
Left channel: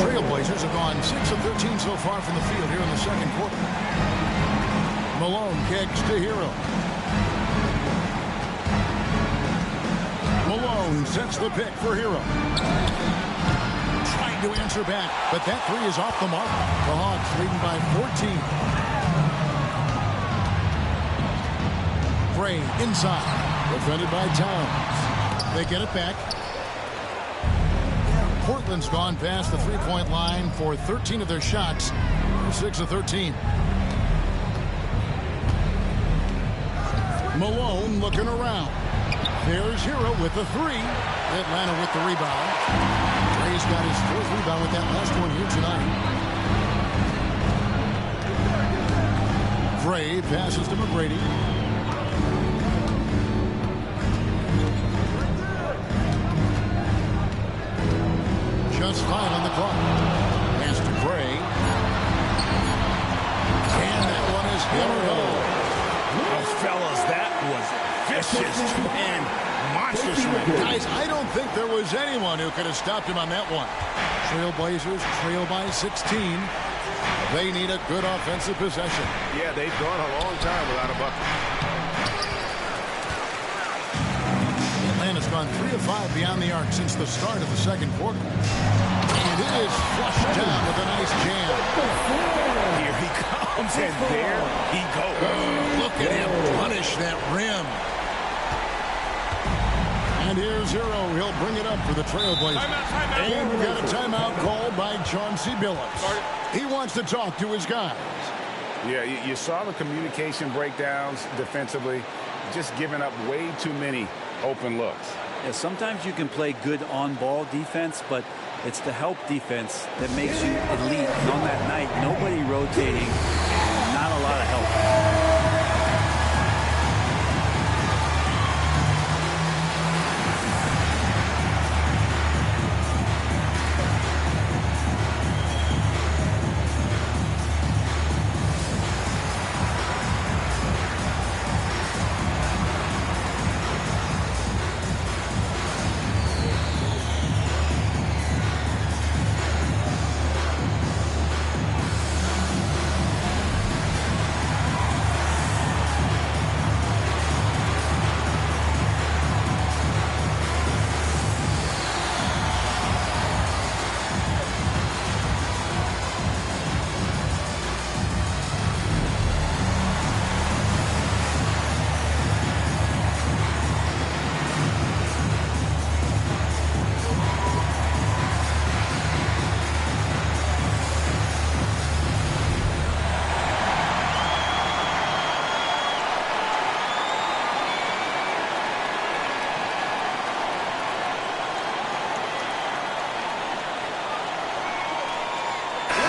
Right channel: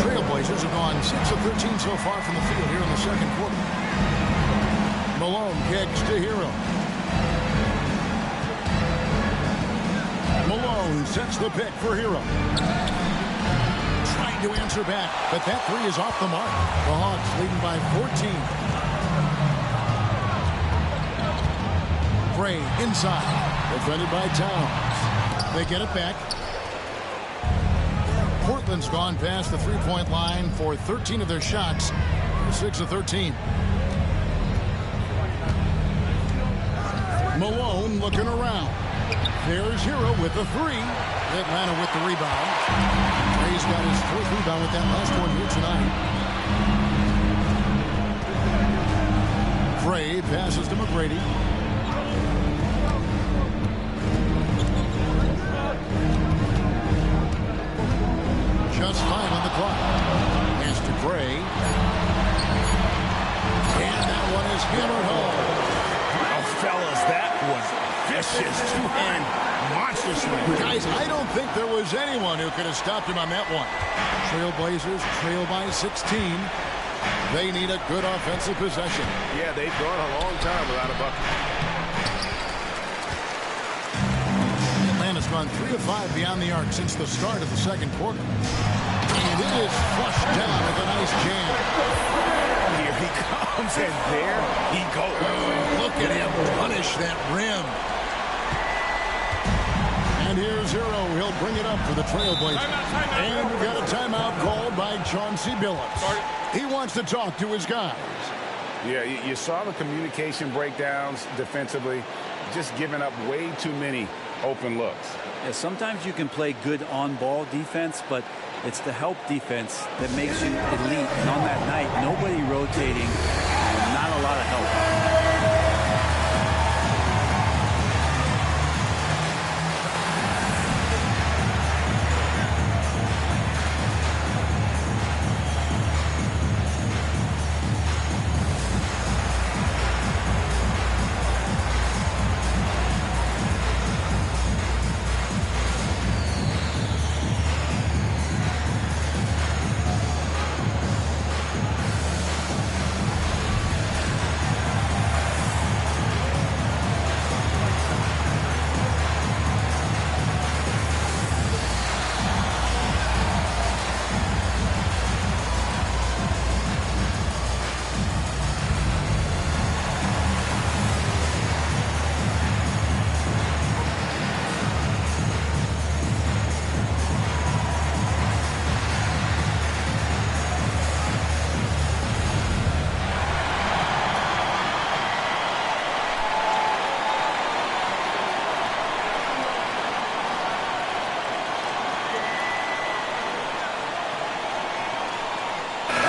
Trailblazers have gone 6 of 13 so far from the field here in the second quarter. Malone kicks to Hero. Malone sets the pick for Hero. Trying to answer back, but that three is off the mark. The Hawks leading by 14. Gray inside, defended by Towns. They get it back. Portland's gone past the three-point line for 13 of their shots. 6 of 13. Malone looking around. There's Hero with the three. Atlanta with the rebound. Ray's got his 4th rebound with that last one here tonight. Gray passes to McGrady. Just 5 on the clock. Pass to Gray. And that one is hammered home. Oh, fellas, that was vicious two-hand monster slam. Guys, I don't think there was anyone who could have stopped him on that one. Trailblazers trail by 16. They need a good offensive possession. Yeah, they've gone a long time without a bucket. Atlanta's gone 3 of 5 beyond the arc since the start of the second quarter. And is flushed down with a nice jam. Here he comes, and there he goes. Oh, look at him punish that rim. And here's Hero. He'll bring it up for the Trailblazers. Timeout. And we've got a timeout called by Chauncey Billups. He wants to talk to his guys. Yeah, you saw the communication breakdowns defensively, just giving up way too many open looks. Yeah, sometimes you can play good on-ball defense, but it's the help defense that makes you elite. And on that night, nobody rotating and not a lot of help.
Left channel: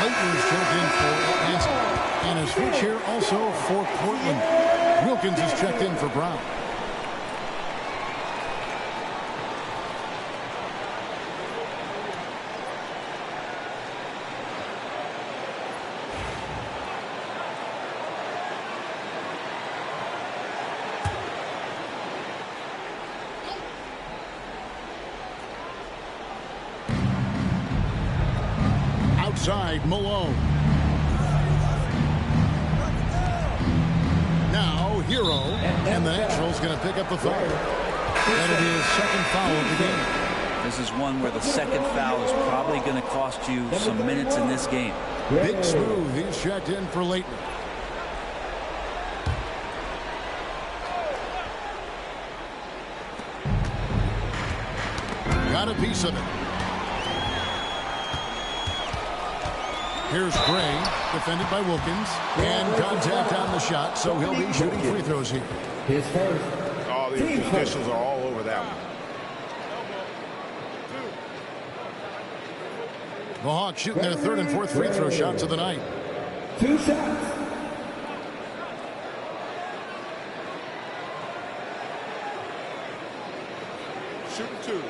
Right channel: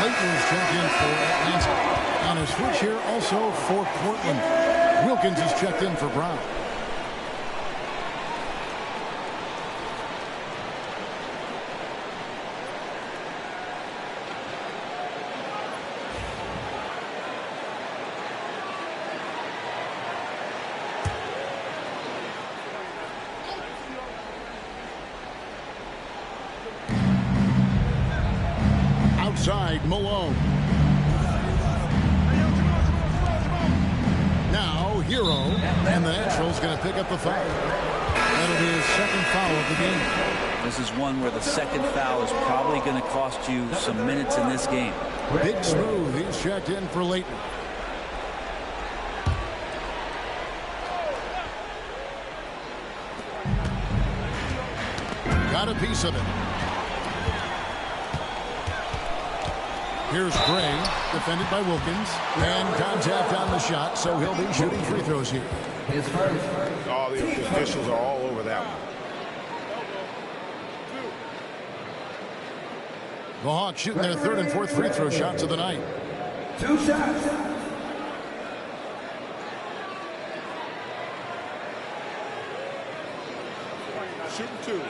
Leighton's checked in for Atlanta. And a switch here also for Portland. Wilkins is checked in for Brown. Outside, Malone. Now, Hero. And the Natural's going to pick up the foul. That'll be his second foul of the game. This is one where the second foul is probably going to cost you some minutes in this game. Big Smooth, he's checked in for Leighton. Got a piece of it. Here's Gray, defended by Wilkins, and contact on the shot, so he'll be shooting free throws here. His first. All the officials are all over that one. The Hawks shooting their third and fourth free throw shots of the night. 2 shots. Shooting 2.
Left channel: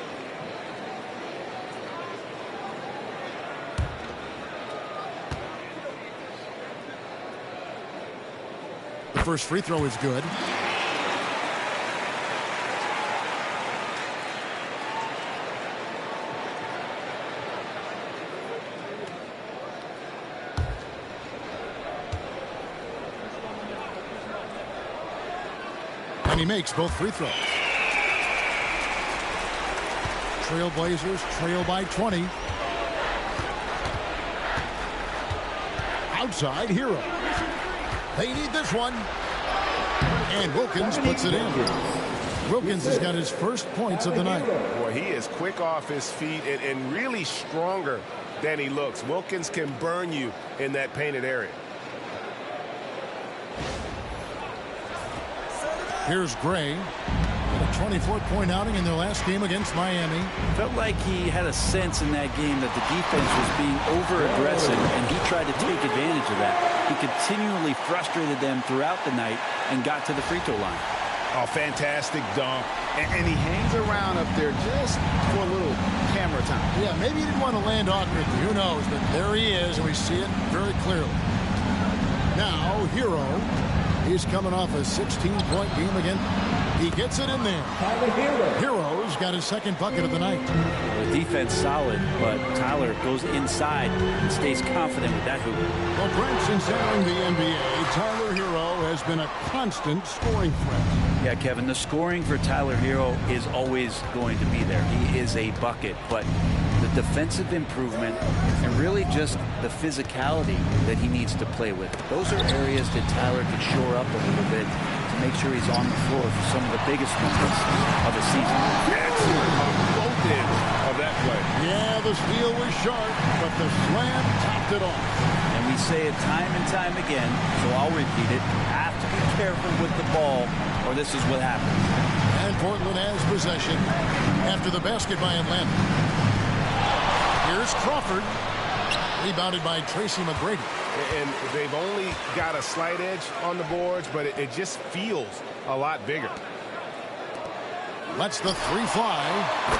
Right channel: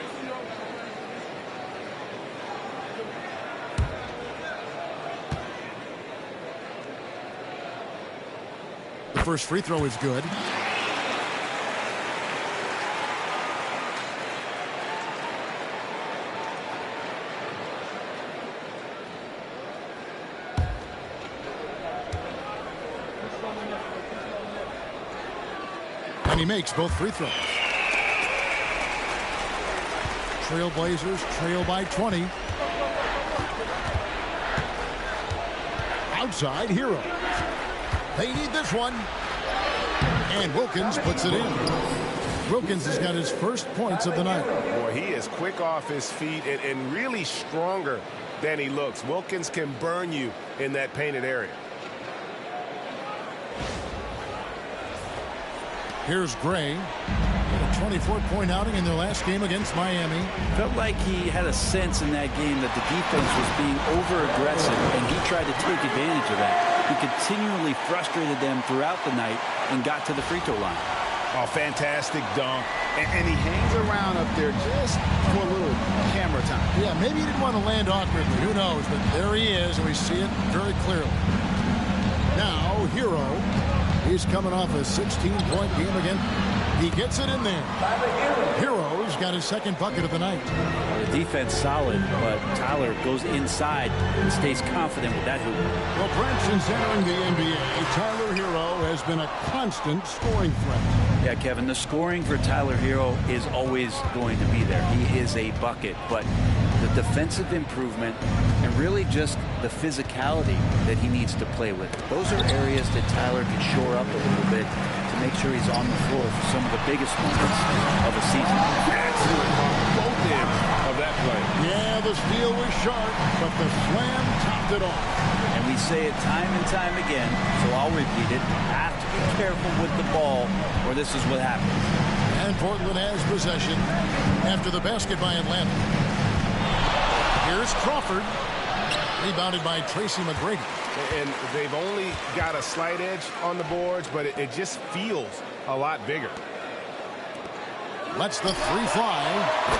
The first free throw is good. And he makes both free throws. Trailblazers trail by 20. Outside, Hero. They need this one. And Wilkins puts it in. Wilkins has got his first points of the night. Boy, he is quick off his feet and really stronger than he looks. Wilkins can burn you in that painted area. Here's Gray. Got a 24-point outing in their last game against Miami. Felt like he had a sense in that game that the defense was being over-aggressive, and he tried to take advantage of that. He continually frustrated them throughout the night and got to the free throw line. Oh, fantastic dunk. And he hangs around up there just for a little camera time. Yeah, maybe he didn't want to land awkwardly. Who knows? But there he is, and we see it very clearly. Now, Hero. He's coming off a 16-point game again. He gets it in there. Hero's got his second bucket of the night. The defense solid, but Tyler goes inside and stays confident with that hoop. Well, Brent, since entering the NBA, Tyler Hero has been a constant scoring threat. Yeah, Kevin, the scoring for Tyler Hero is always going to be there. He is a bucket, but the defensive improvement, and really just the physicality that he needs to play with. Those are areas that Tyler could shore up a little bit to make sure he's on the floor for some of the biggest moments of a season. Excellent on both ends of that play. Yeah, the steal was sharp, but the slam topped it off. And we say it time and time again, so I'll repeat it. Have to be careful with the ball, or this is what happens. And Portland has possession after the basket by Atlanta. Here's Crawford. Rebounded by Tracy McGrady. And they've only got a slight edge on the boards, but it just feels a lot bigger. Lets the three fly.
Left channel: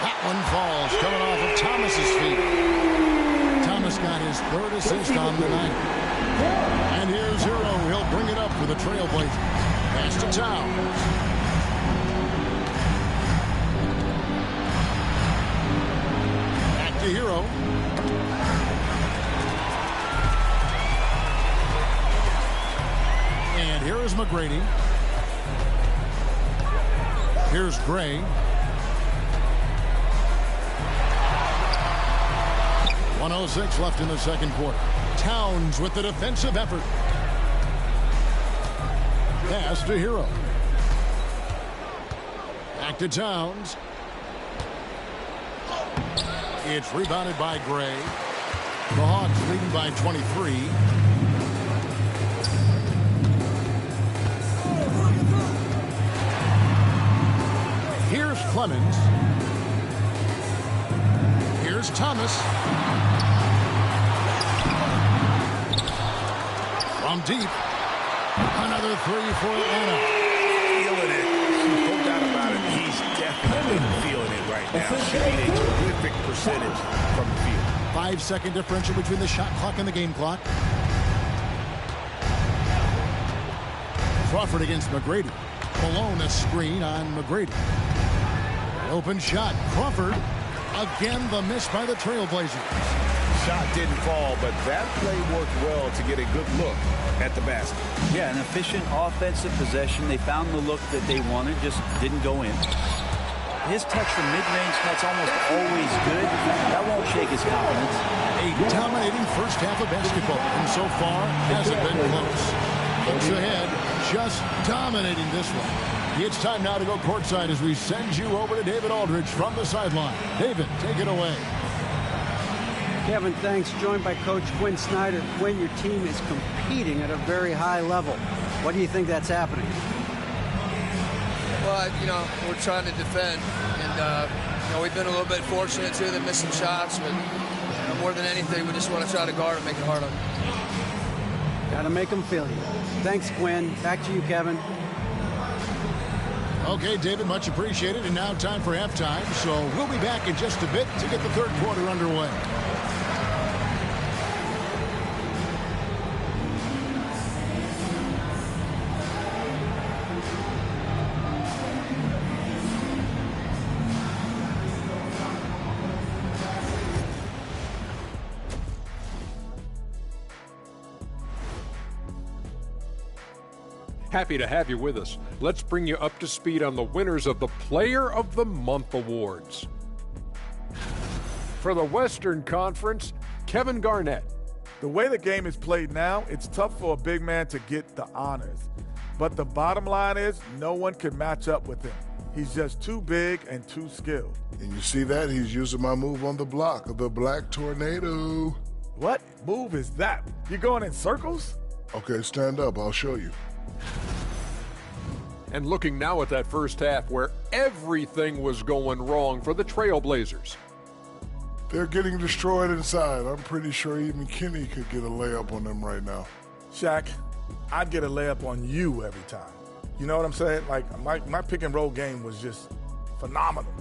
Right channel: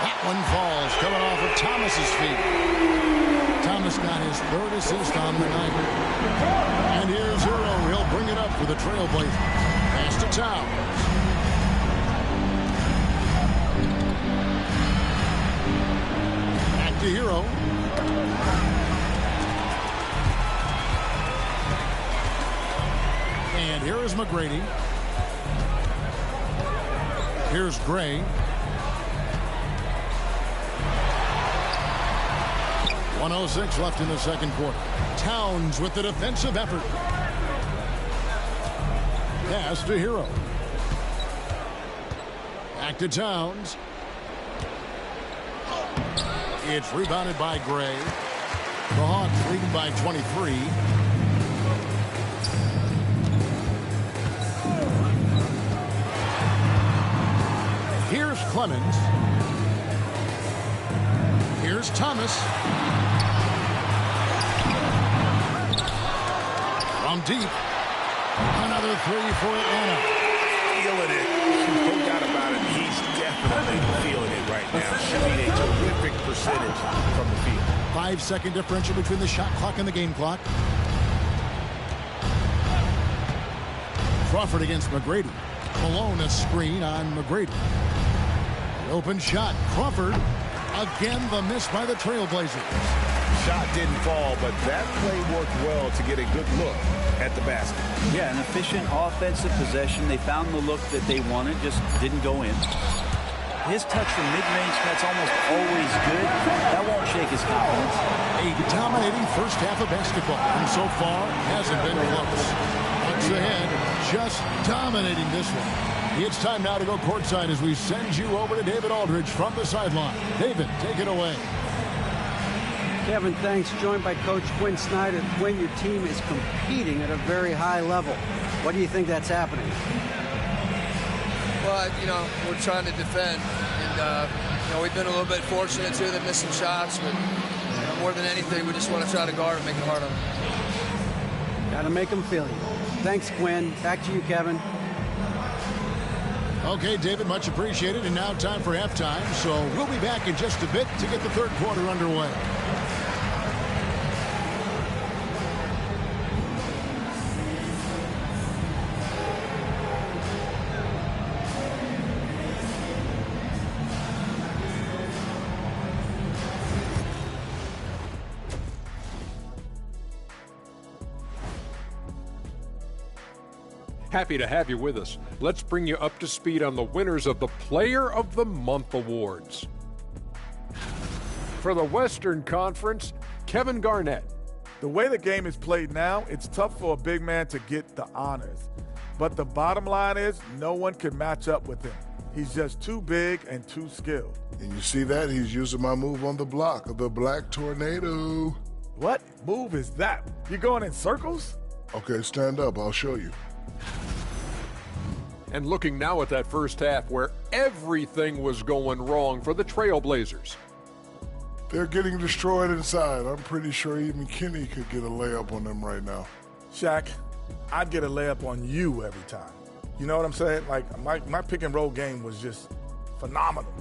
That one falls, coming off of Thomas's feet. Thomas got his third assist on the night. And here's Hero. He'll bring it up for the Trailblazers. Pass to Towns. Back to Hero. And here is McGrady. Here's Gray. 1:06 left in the second quarter. Towns with the defensive effort. Pass to Hero. Back to Towns. It's rebounded by Gray. The Hawks leading by 23. Here's Clemens. Here's Thomas. From deep. Another three for Atlanta. Feeling it. No doubt about it. He's definitely feeling it right now. Shooting a terrific percentage from the field. 5-second differential between the shot clock and the game clock. Crawford against McGrady. Malone a screen on McGrady. Open shot. Crawford. Again, the miss by the Trailblazers. Shot didn't fall, but that play worked well to get a good look at the basket. Yeah, an efficient offensive possession. They found the look that they wanted, just didn't go in. His touch from mid-range, that's almost always good. That won't shake his confidence. A dominating first half of basketball, and so far hasn't been close. Bucks ahead, just dominating this one. It's time now to go courtside as we send you over to David Aldridge from the sideline. David, take it away. Kevin, thanks. Joined by Coach Quinn Snyder. Quinn, your team is competing at a very high level. What do you think that's happening? Well, we're trying to defend, and we've been a little bit fortunate too. They missed some shots, but more than anything, we just want to try to guard and make it hard on them. Got to make them feel you. Thanks, Quinn. Back to you, Kevin. Okay, David, much appreciated. And now time for halftime. So we'll be back in just a bit to get the third quarter underway. Happy to have you with us. Let's bring you up to speed on the winners of the Player of the Month awards. For the Western Conference, Kevin Garnett. The way the game is played now, it's tough for a big man to get the honors. But the bottom line is no one can match up with him. He's just too big and too skilled. And you see that? He's using my move on the block, the Black Tornado. What move is that? You going in circles? Okay, stand up. I'll show you. And looking now at that first half where everything was going wrong for the Trailblazers. They're getting destroyed inside. I'm pretty sure even Kenny could get a layup on them right now. Shaq, I'd get a layup on you every time. You know what I'm saying? Like, my pick and roll game was just phenomenal.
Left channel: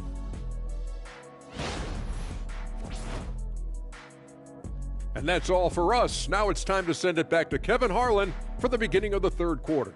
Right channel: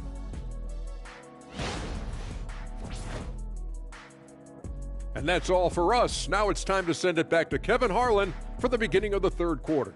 And that's all for us. Now it's time to send it back to Kevin Harlan for the beginning of the third quarter.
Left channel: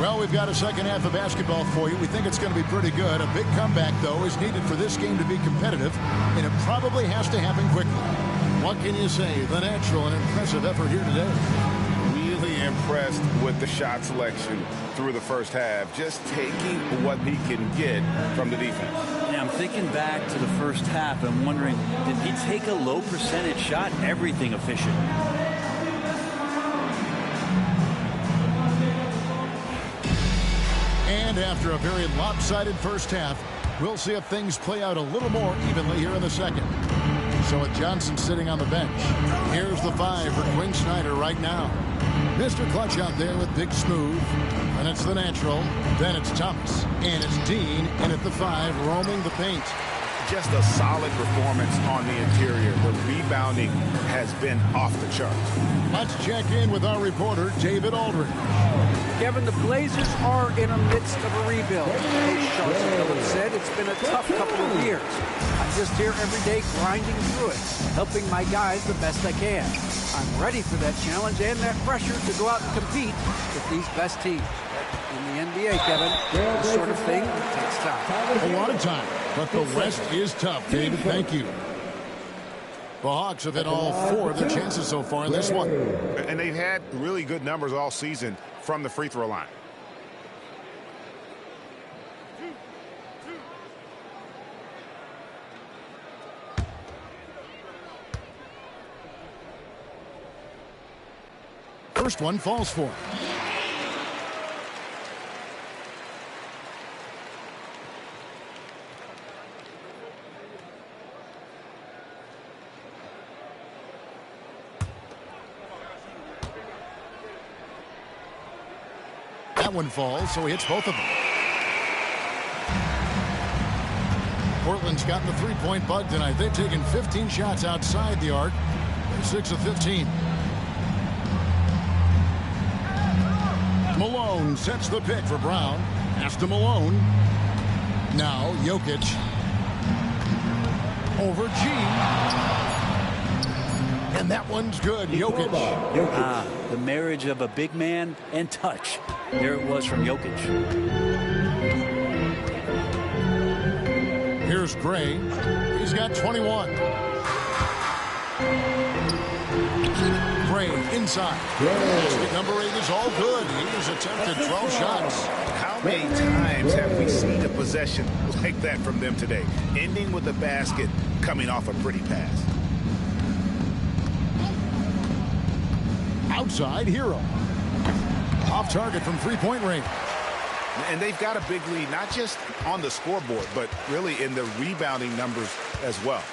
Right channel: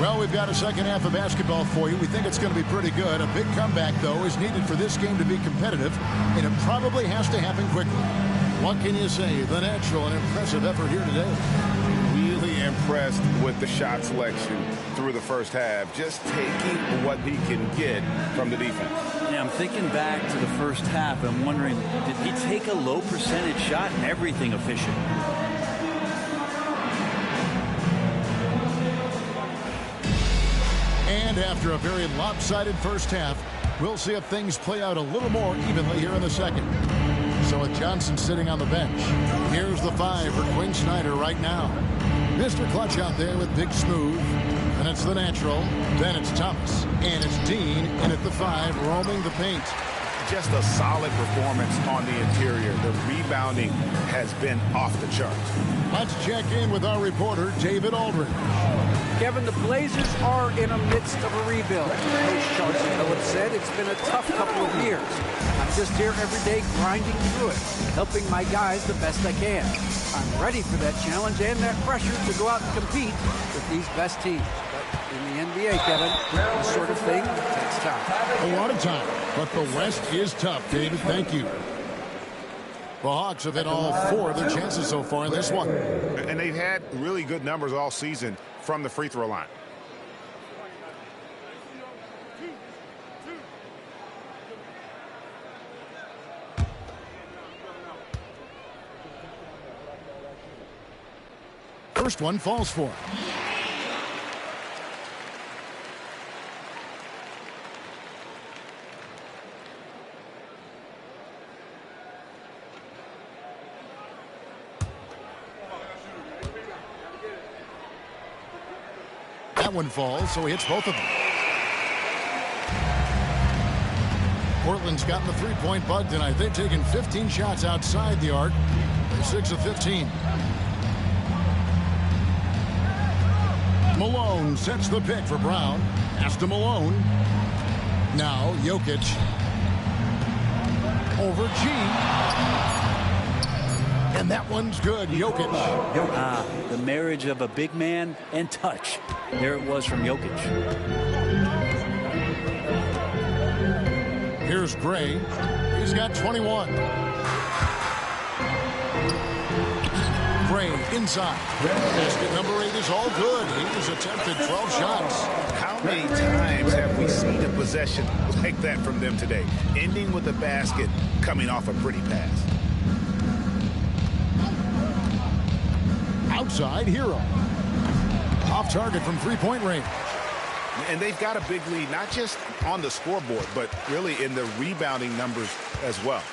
Well, we've got a second half of basketball for you. We think it's going to be pretty good. A big comeback, though, is needed for this game to be competitive, and it probably has to happen quickly. What can you say? The natural and impressive effort here today. Really impressed with the shot selection through the first half. Just taking what he can get from the defense. Yeah, I'm thinking back to the first half. I'm wondering, did he take a low percentage shot? Everything efficient. And after a very lopsided first half, we'll see if things play out a little more evenly here in the second. So with Johnson sitting on the bench, here's the 5 for Quinn Snyder right now. Mr. Clutch out there with Big Smooth. And it's the natural. Then it's Thomas. And it's Dean in at the 5, roaming the paint. Just a solid performance on the interior. The rebounding has been off the charts. Let's check in with our reporter, David Aldridge. Kevin, the Blazers are in the midst of a rebuild. Coach Chauncey Billups said it's been a tough couple of years. I'm just here every day grinding through it, helping my guys the best I can. I'm ready for that challenge and that pressure to go out and compete with these best teams. But in the NBA, Kevin, this sort of thing takes time. A lot of time, but the West is tough, David. Thank you. The Hawks have hit all 4 of their chances so far in this one. And they've had really good numbers all season from the free throw line. First one falls for him. That one falls, so he hits both of them. Portland's gotten the three-point bug tonight. They've taken 15 shots outside the arc. They're 6 of 15. Malone sets the pick for Brown. Pass to Malone. Now Jokic. Over G. And that one's good. Jokic. The marriage of a big man and touch. There it was from Jokic. Here's Gray. He's got 21. Gray inside. Basket number 8 is all good. He's attempted 12 shots. How many times have we seen a possession like that from them today? Ending with a basket, coming off a pretty pass. Outside, Hero. Off target from three-point range. And they've got a big lead, not just on the scoreboard, but really in the rebounding numbers as well.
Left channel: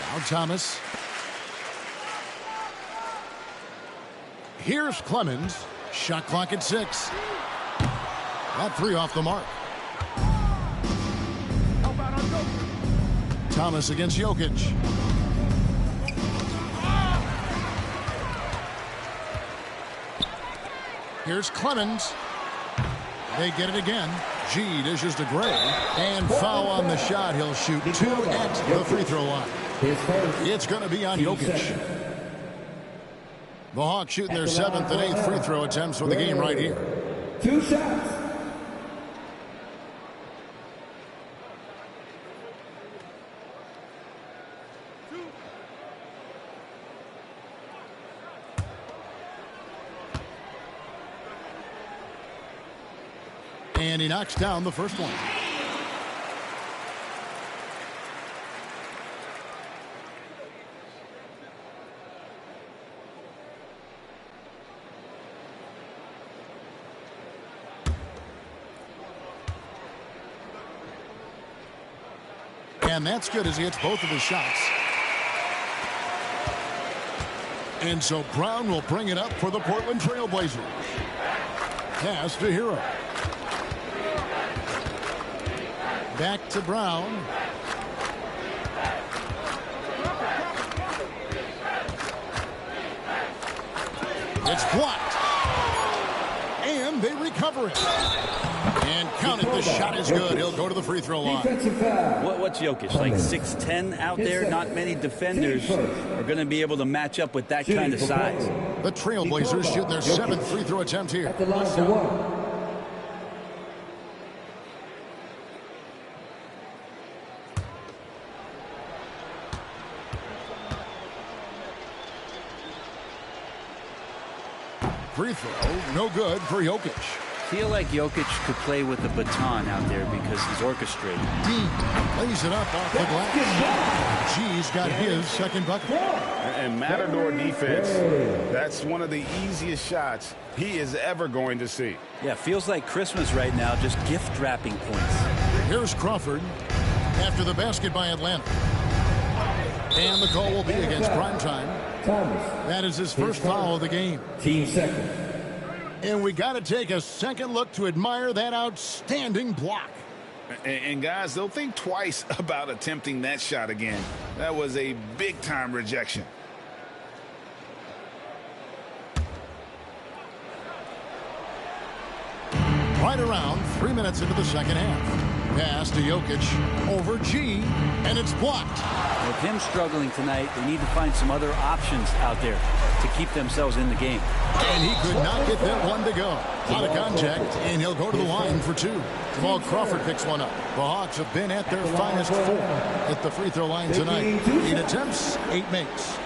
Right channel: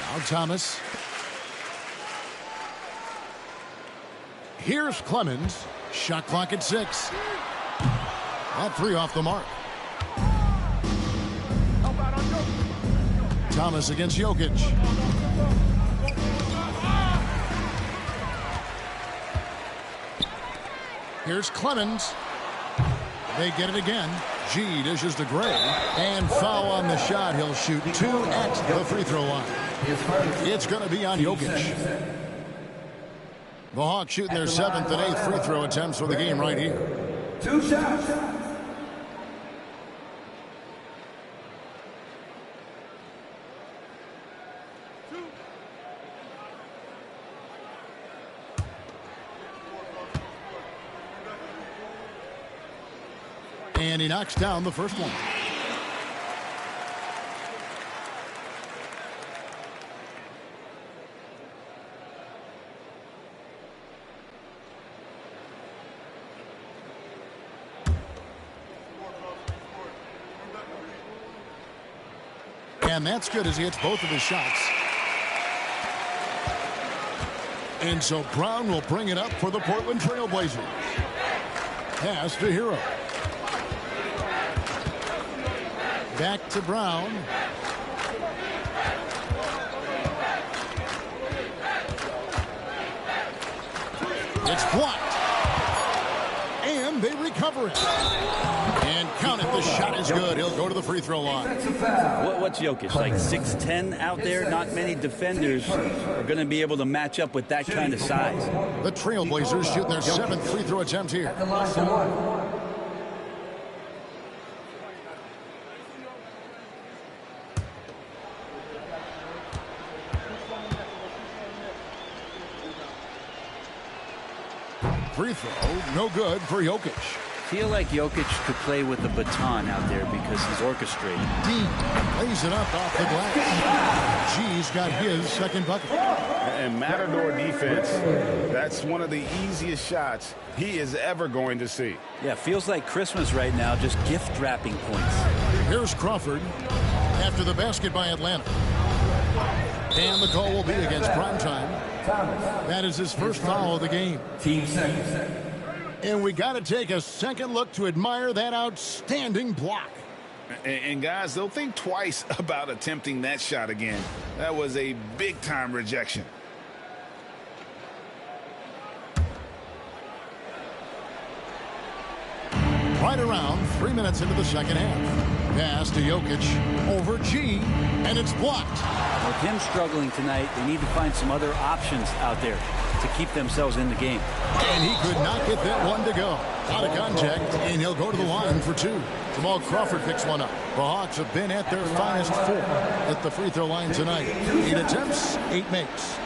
Now Thomas. Here's Clemens. Shot clock at 6. That 3 off the mark. Thomas against Jokic. Here's Clemens. They get it again. G dishes to Gray. And foul on the shot. He'll shoot 2 at the free throw line. It's going to be on Jokic. The Hawks shooting their 7th and 8th free throw attempts for the game right here. 2 shots. And he knocks down the first one. And that's good as he hits both of his shots. And so Brown will bring it up for the Portland Trail Blazers. Pass to Hero. Back to Brown. It's blocked. And they recover it. And count it. The shot is good. He'll go to the free throw line. What's Jokic? Like 6'10" out there? Not many defenders are going to be able to match up with that kind of size. The Trailblazers shooting their 7th free throw attempt here. At the line for 1. free throw, no good for Jokic. Feel like Jokic could play with the baton out there because he's orchestrating. Dean lays it up off the glass. G's got his second bucket. And Matador defense, that's one of the easiest shots he is ever going to see. Yeah, feels like Christmas right now, just gift wrapping points. Here's Crawford after the basket by Atlanta. And the call will be against Primetime. That is his first foul of the game. Team second. And we got to take a second look to admire that outstanding block. And guys, they'll think twice about attempting that shot again. That was a big-time rejection. Right around 3 minutes into the second half. Pass to Jokic over G, and it's blocked. With him struggling tonight, they need to find some other options out there to keep themselves in the game. And he could not get that one to go. Out of contact, and he'll go to the line for two. Jamal Crawford picks one up. The Hawks have been at their finest 4 at the free throw line tonight. 8 attempts, 8 makes.